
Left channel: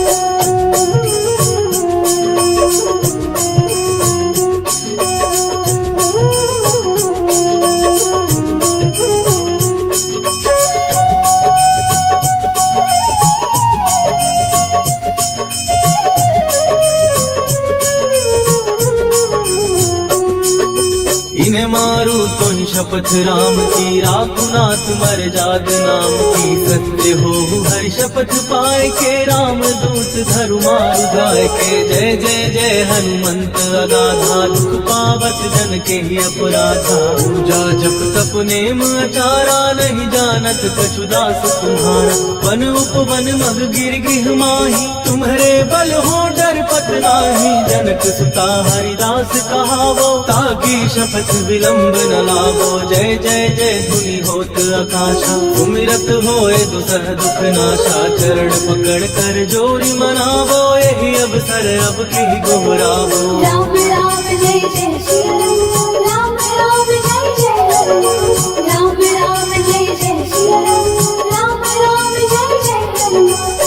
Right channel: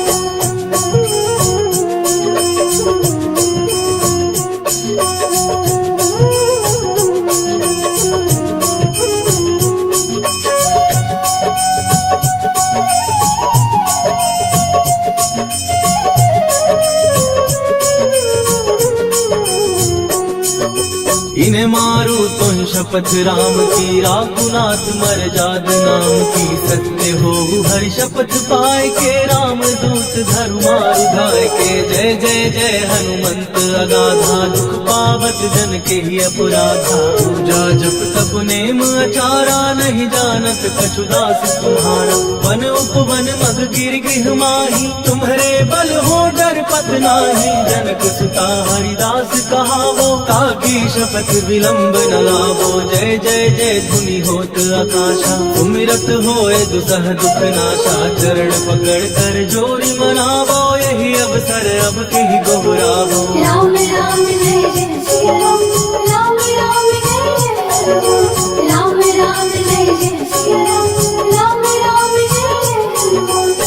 इन्हें मारू तो शपथ राम की, राकुनाथ मर जाग नाम की। सत्य हो हरि शपथ पाए के, राम दूत धरु मारु गाय के। जय जय जय हनुमंत अगाधा, दुख पावत जन के ही अपराधा। पूजा जप तप नेम आचारा, नहीं जानत कछु दास तुम्हारा। वन उपवन मग गिर गृह माही, तुम्हारे बल हो डर पत नाही। जनक सुता हरिदास कहावो, ताकि शपथ विलंब न लावो। जय जय जय धुनि होत आकाशा, सुमिरत होए दुसह दुख नाशा। चरण पकड़ कर जोरी मनावो, यही अवसर अब की को बुलावो। राम राम जय जय श्री राम, राम राम जय जय हनुमान। राम राम जय जय श्री राम, राम राम जय जय हनुमान।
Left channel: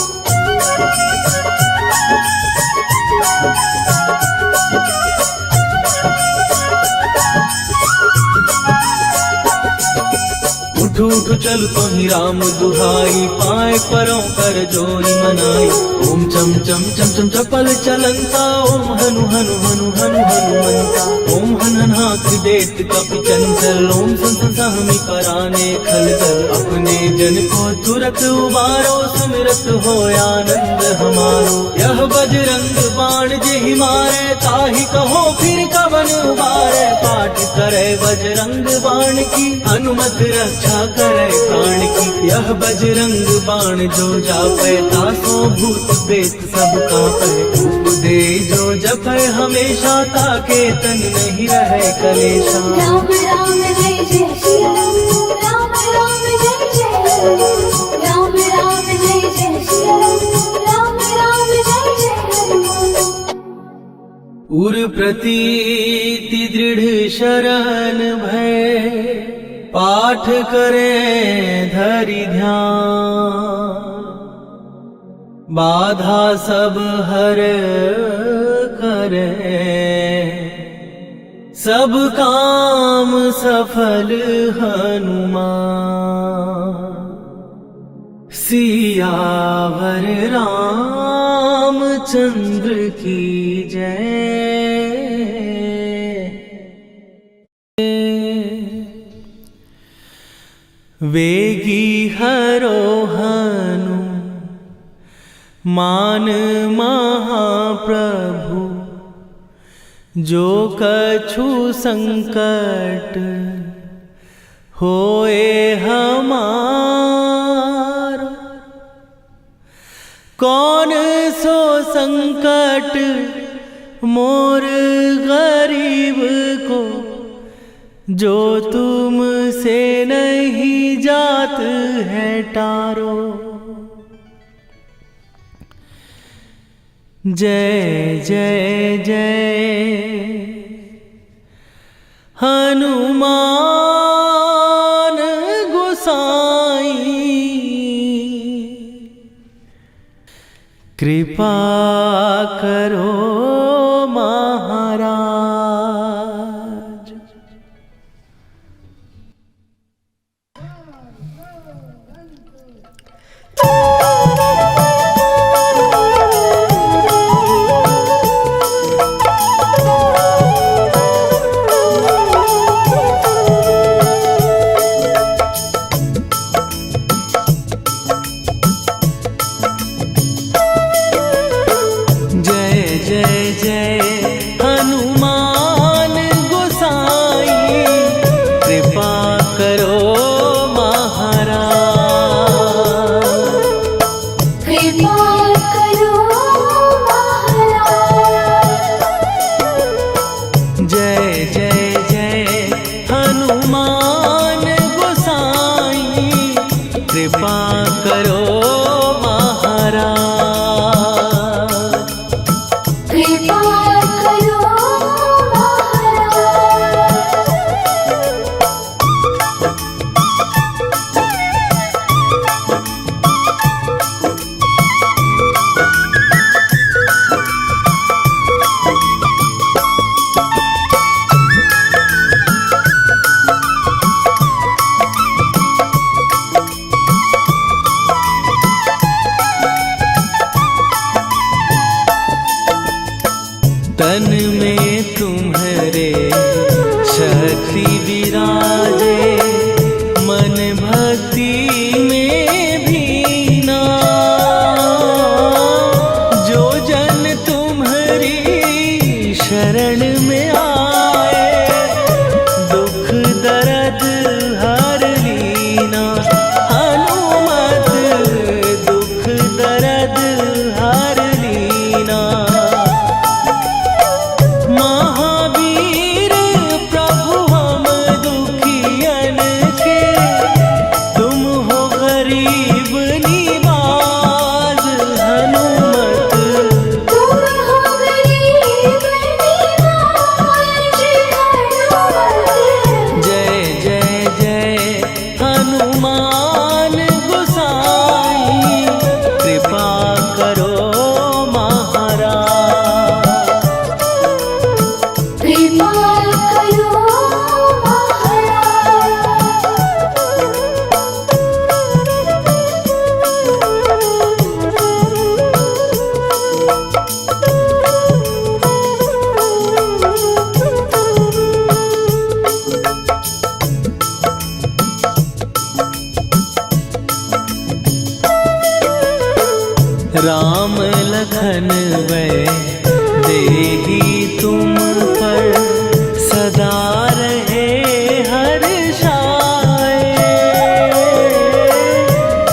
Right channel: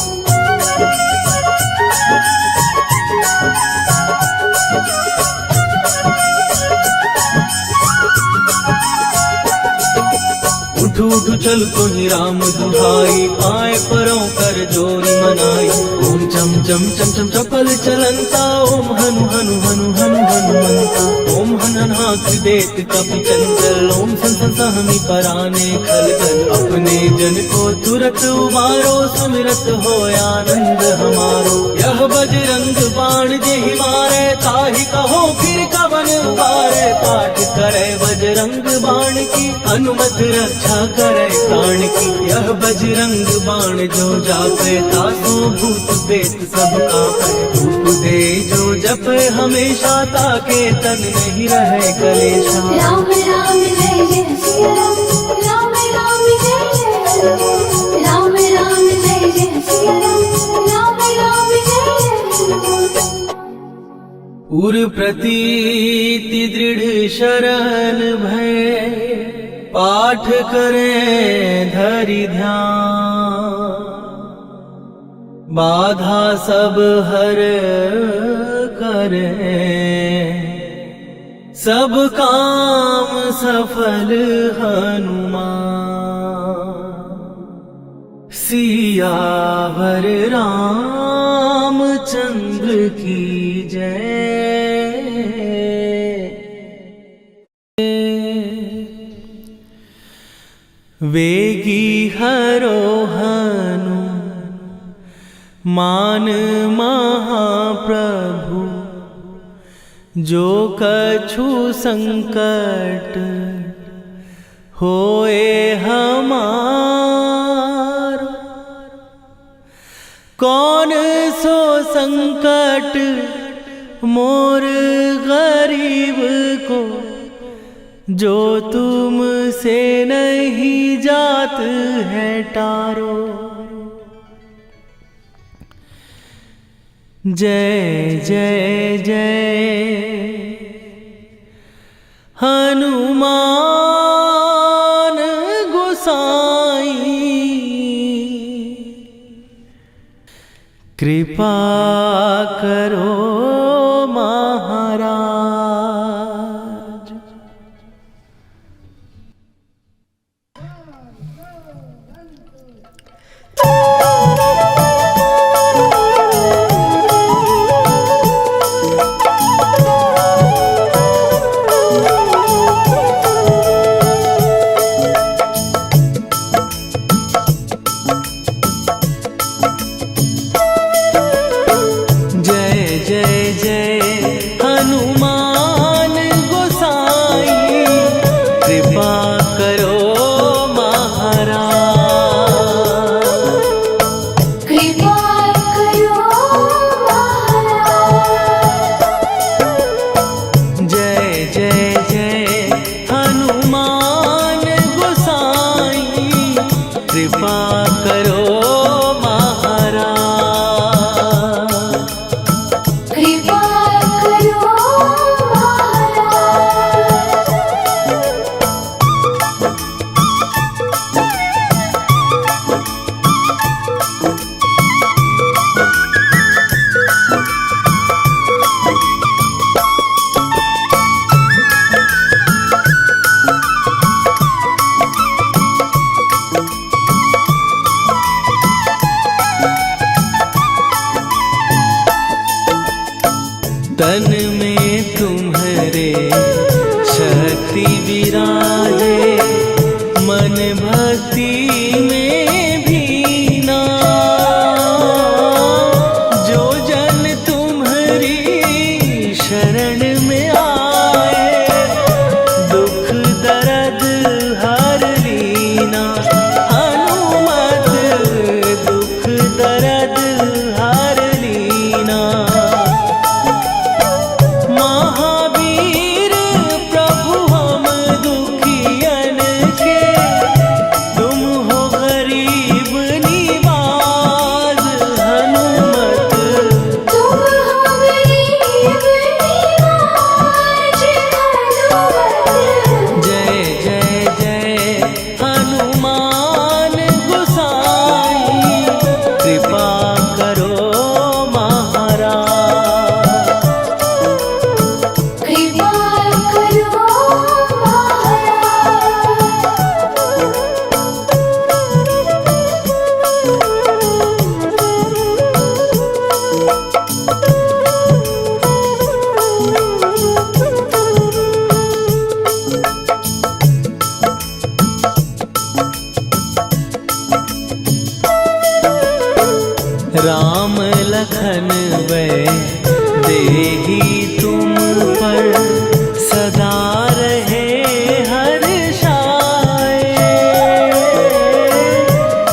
उठ चल तो ही राम दुहाई, पाए परों कर जोरी मनाई। ओम चम चम चम चम चपल चलंता, ओम हनु हनु हनु हनु हनुमंता। ओम हननाथ देत कपि चंचल, ओम संत सहमी कराने खलदल। अपने जन को तुरत उबारो, सुमिरत हो आनंद हमारो। यह बजरंग बाण जहि मारे, ताहि कहो फिर कवन उबारे। पाठ करे बजरंग बाण की, हनुमत रक्षा करे प्राण की। यह बजरंग बाण जो जापे, तासो भूत प्रेत सब कापे। उपदे जो जपे हमेशा, ताके तन नहीं रहे कलेशा। राम राम जय जय श्री राम, राम राम जय जय हनुमान। राम राम जय जय श्री राम, उर प्रतीति दृढ़ शरण भय, पाठ करें धरि ध्यान। बाधा सब हर करें, सब काम सफल हनुमान। सियावर रामचंद्र की जय। वेगी हरोहनु मान महाप्रभु, जो कछु संकट होए हमार। कौन सो संकट मोर गरीब को, जो तुम से नहीं जात है टारो। जय जय जय हनुमान गोसाई, कृपा करो महाराज। कृपा करो महाराज। कृपा करो तन में तुम्हारे शक्ति विराजे, मन भक्ति में भीना। जो जन तुम्हारी शरण में आए, दुख दर्द हर लीना। हनुमत दुख दर्द हर लीना। महावीर प्रभु हम दुखियन के, तुम हो गरीब निवाज। हनुमत तुम हो गरीब निवाज। जय जय जय हनुमान गोसाई, कृपा करो महाराज। कृपा करो राम लखन वै देही तुम पर, सदा रहे हर्षाए।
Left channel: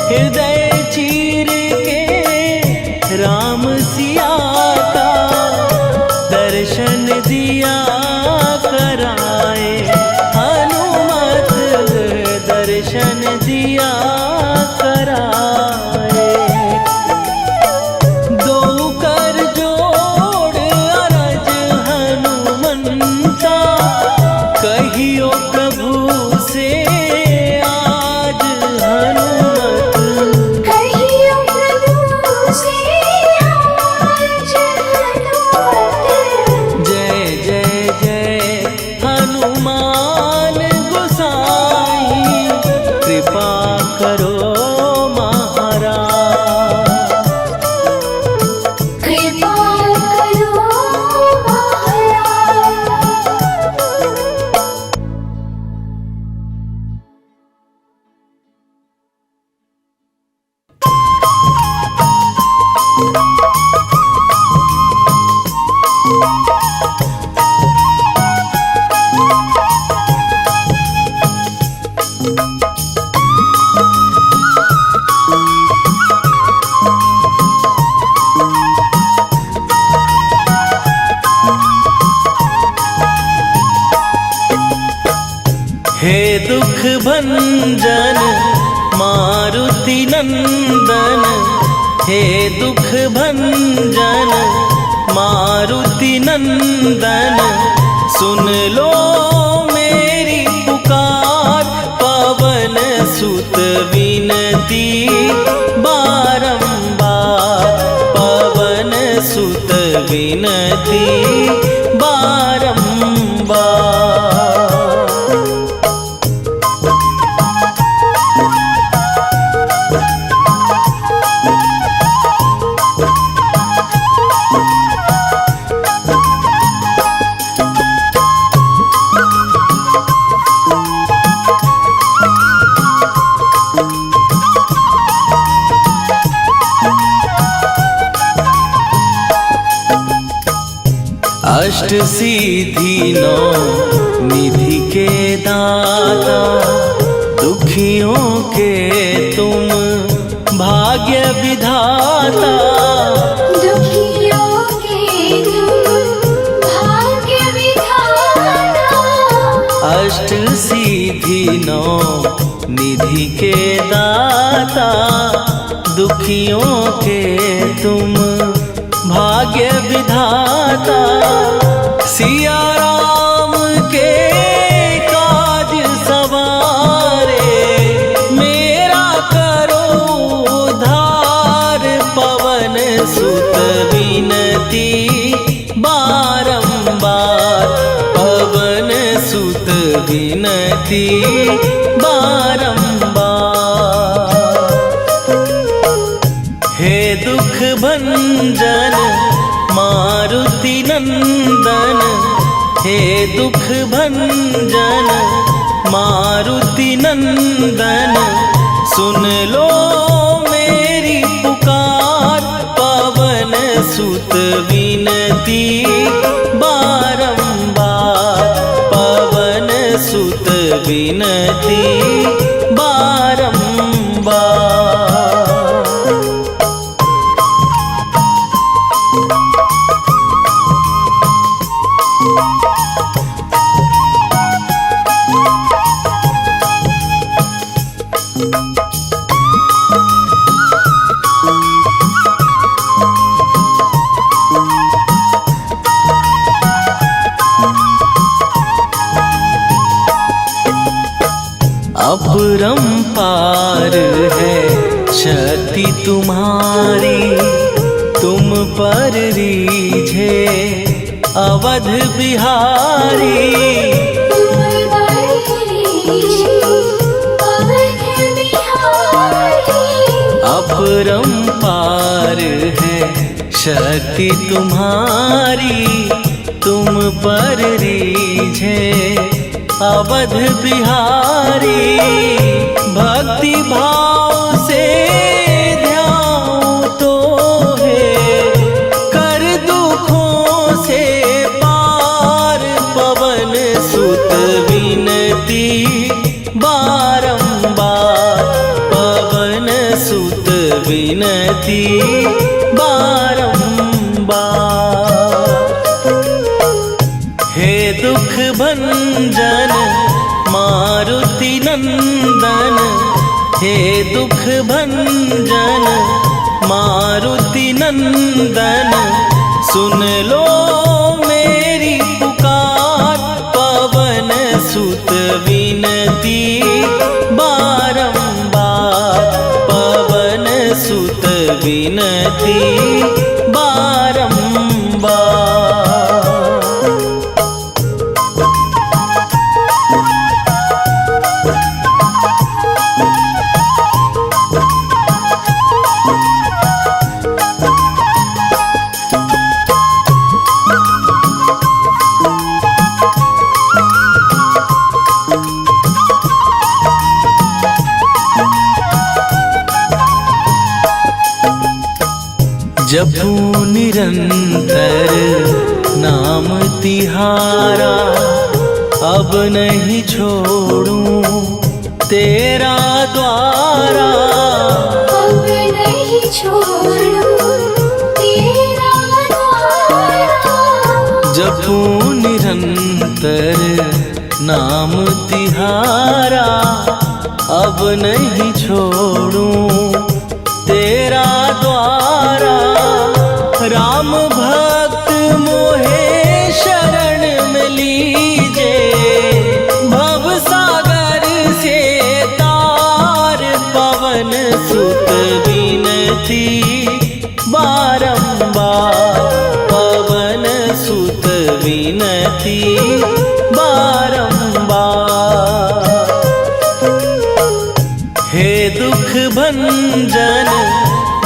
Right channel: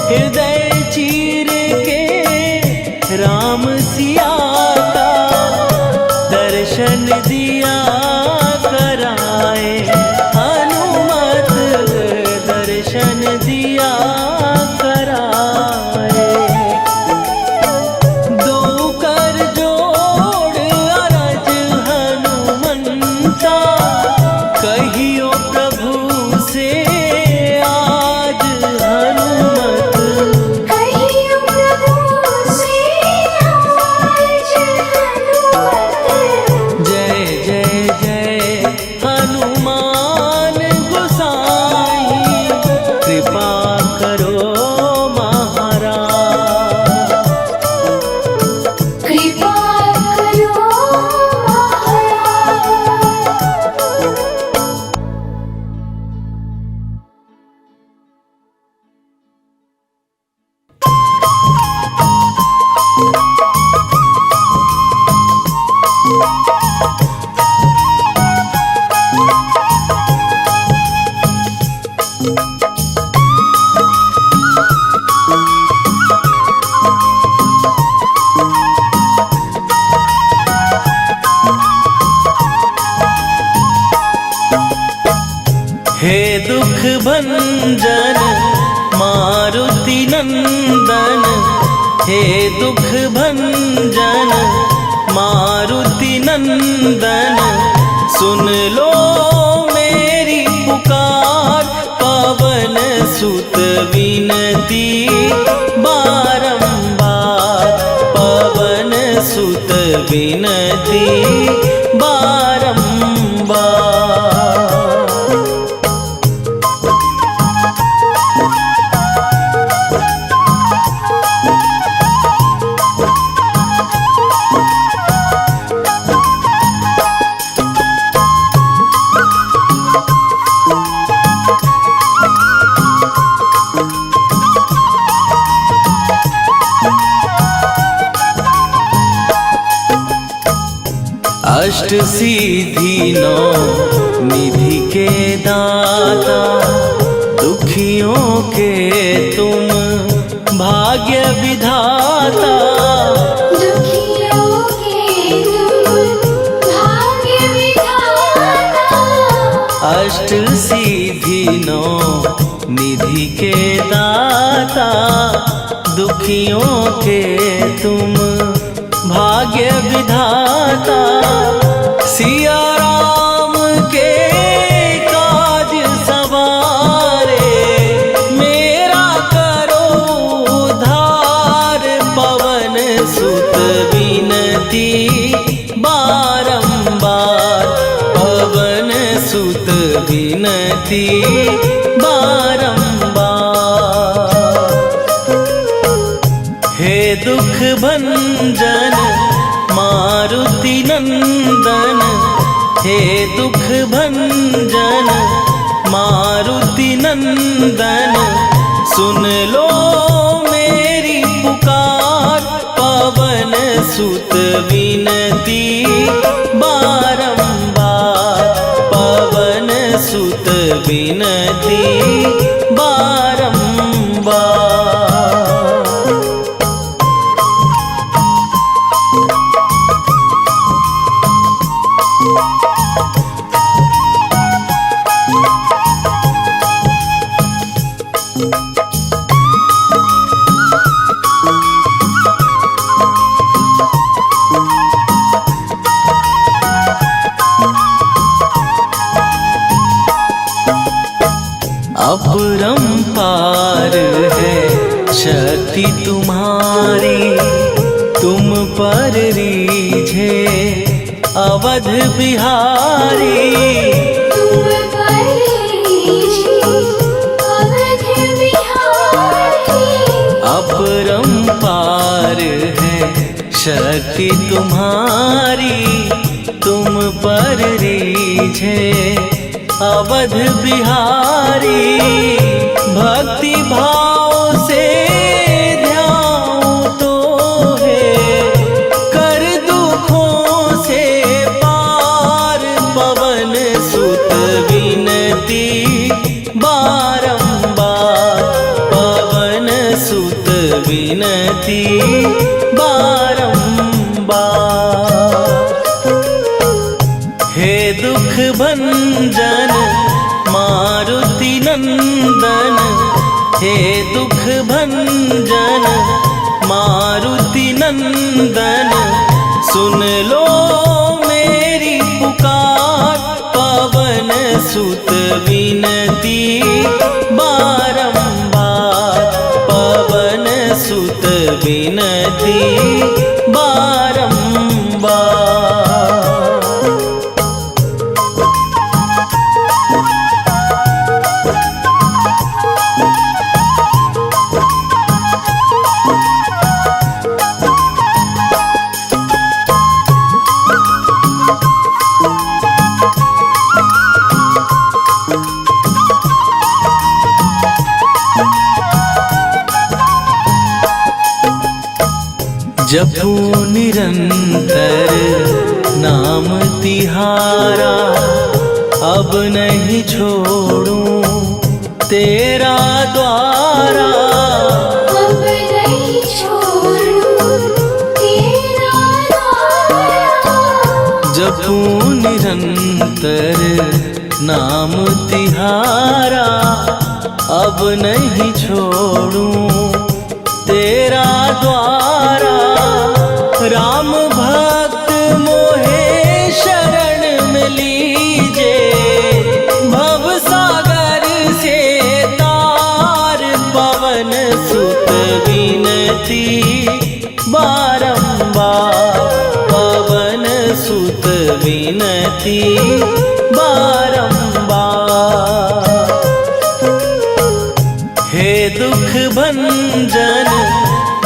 हृदय चीर के राम सिया का, दर्शन दिया कराए। हनुमत दर्शन दिया कराए। दो कर जोड़ अरज हे दुख भंजन मारुति नंदन, हे दुख भंजन मारुति नंदन, सुन लो मेरी पुकार, पवन सुत विनती बारंबार, पवन सुत विनती बारंबार। अष्ट सिद्धि नौ निधि के दाता, दुखियों के तुम भाग्य विधाता, दुखियों के तुम भाग्य विधाता। अष्ट सिद्धि नौ निधि के दाता, दुखियों के तुम भाग्य विधाता, सिया राम के काज सवारे, मेरा करो उद्धार, पवन सुत विनती बारंबार, पवन सुत विनती बारंबार। हे दुख भंजन मारुति नंदन, हे दुख भंजन मारुति नंदन, सुन लो मेरी पुकार, पवन सुत विनती बारंबार, पवन सुत विनती बारंबार। अपरंपार है शक्ति तुम्हारी, तुम पर रीझे अवध बिहारी, तुम पर रीझे अवध बिहारी। अपरंपार है शक्ति तुम्हारी, तुम पर रीझे अवध बिहारी, भक्ति भाव से ध्यान तो है, कर दुखों से पार, पवन सुत विनती बारंबार, पवन सुत विनती बारंबार। हे दुख भंजन मारुति नंदन, हे दुख भंजन मारुति नंदन, सुन लो मेरी पुकार, पवन सुत विनती बारंबार, पवन सुत विनती बारंबार। जपू निरंतर नाम तिहारा, अब नहीं छोड़ूं तेरा द्वारा, अब नहीं छोड़ूं तेरा द्वारा। जपू निरंतर नाम तिहारा अब नहीं छोड़ूं तेरा द्वारा। राम भक्त मोहे शरण में लीजे, भव सागर से तार पवन सुत विनती बारंबार, पवन सुत विनती बारंबार। हे दुख भंजन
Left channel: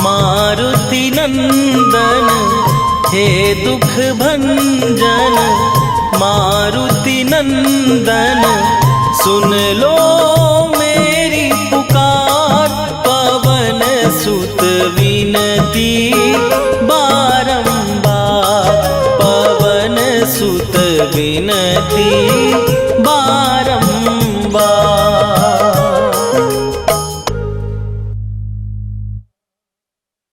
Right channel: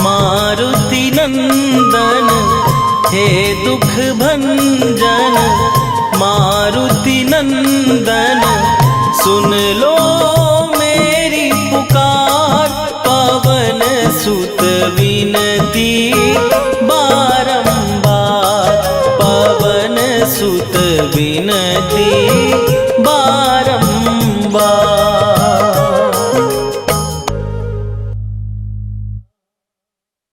मारुति नंदन, हे दुख भंजन मारुति नंदन, सुन लो मेरी पुकार, पवन सुत विनती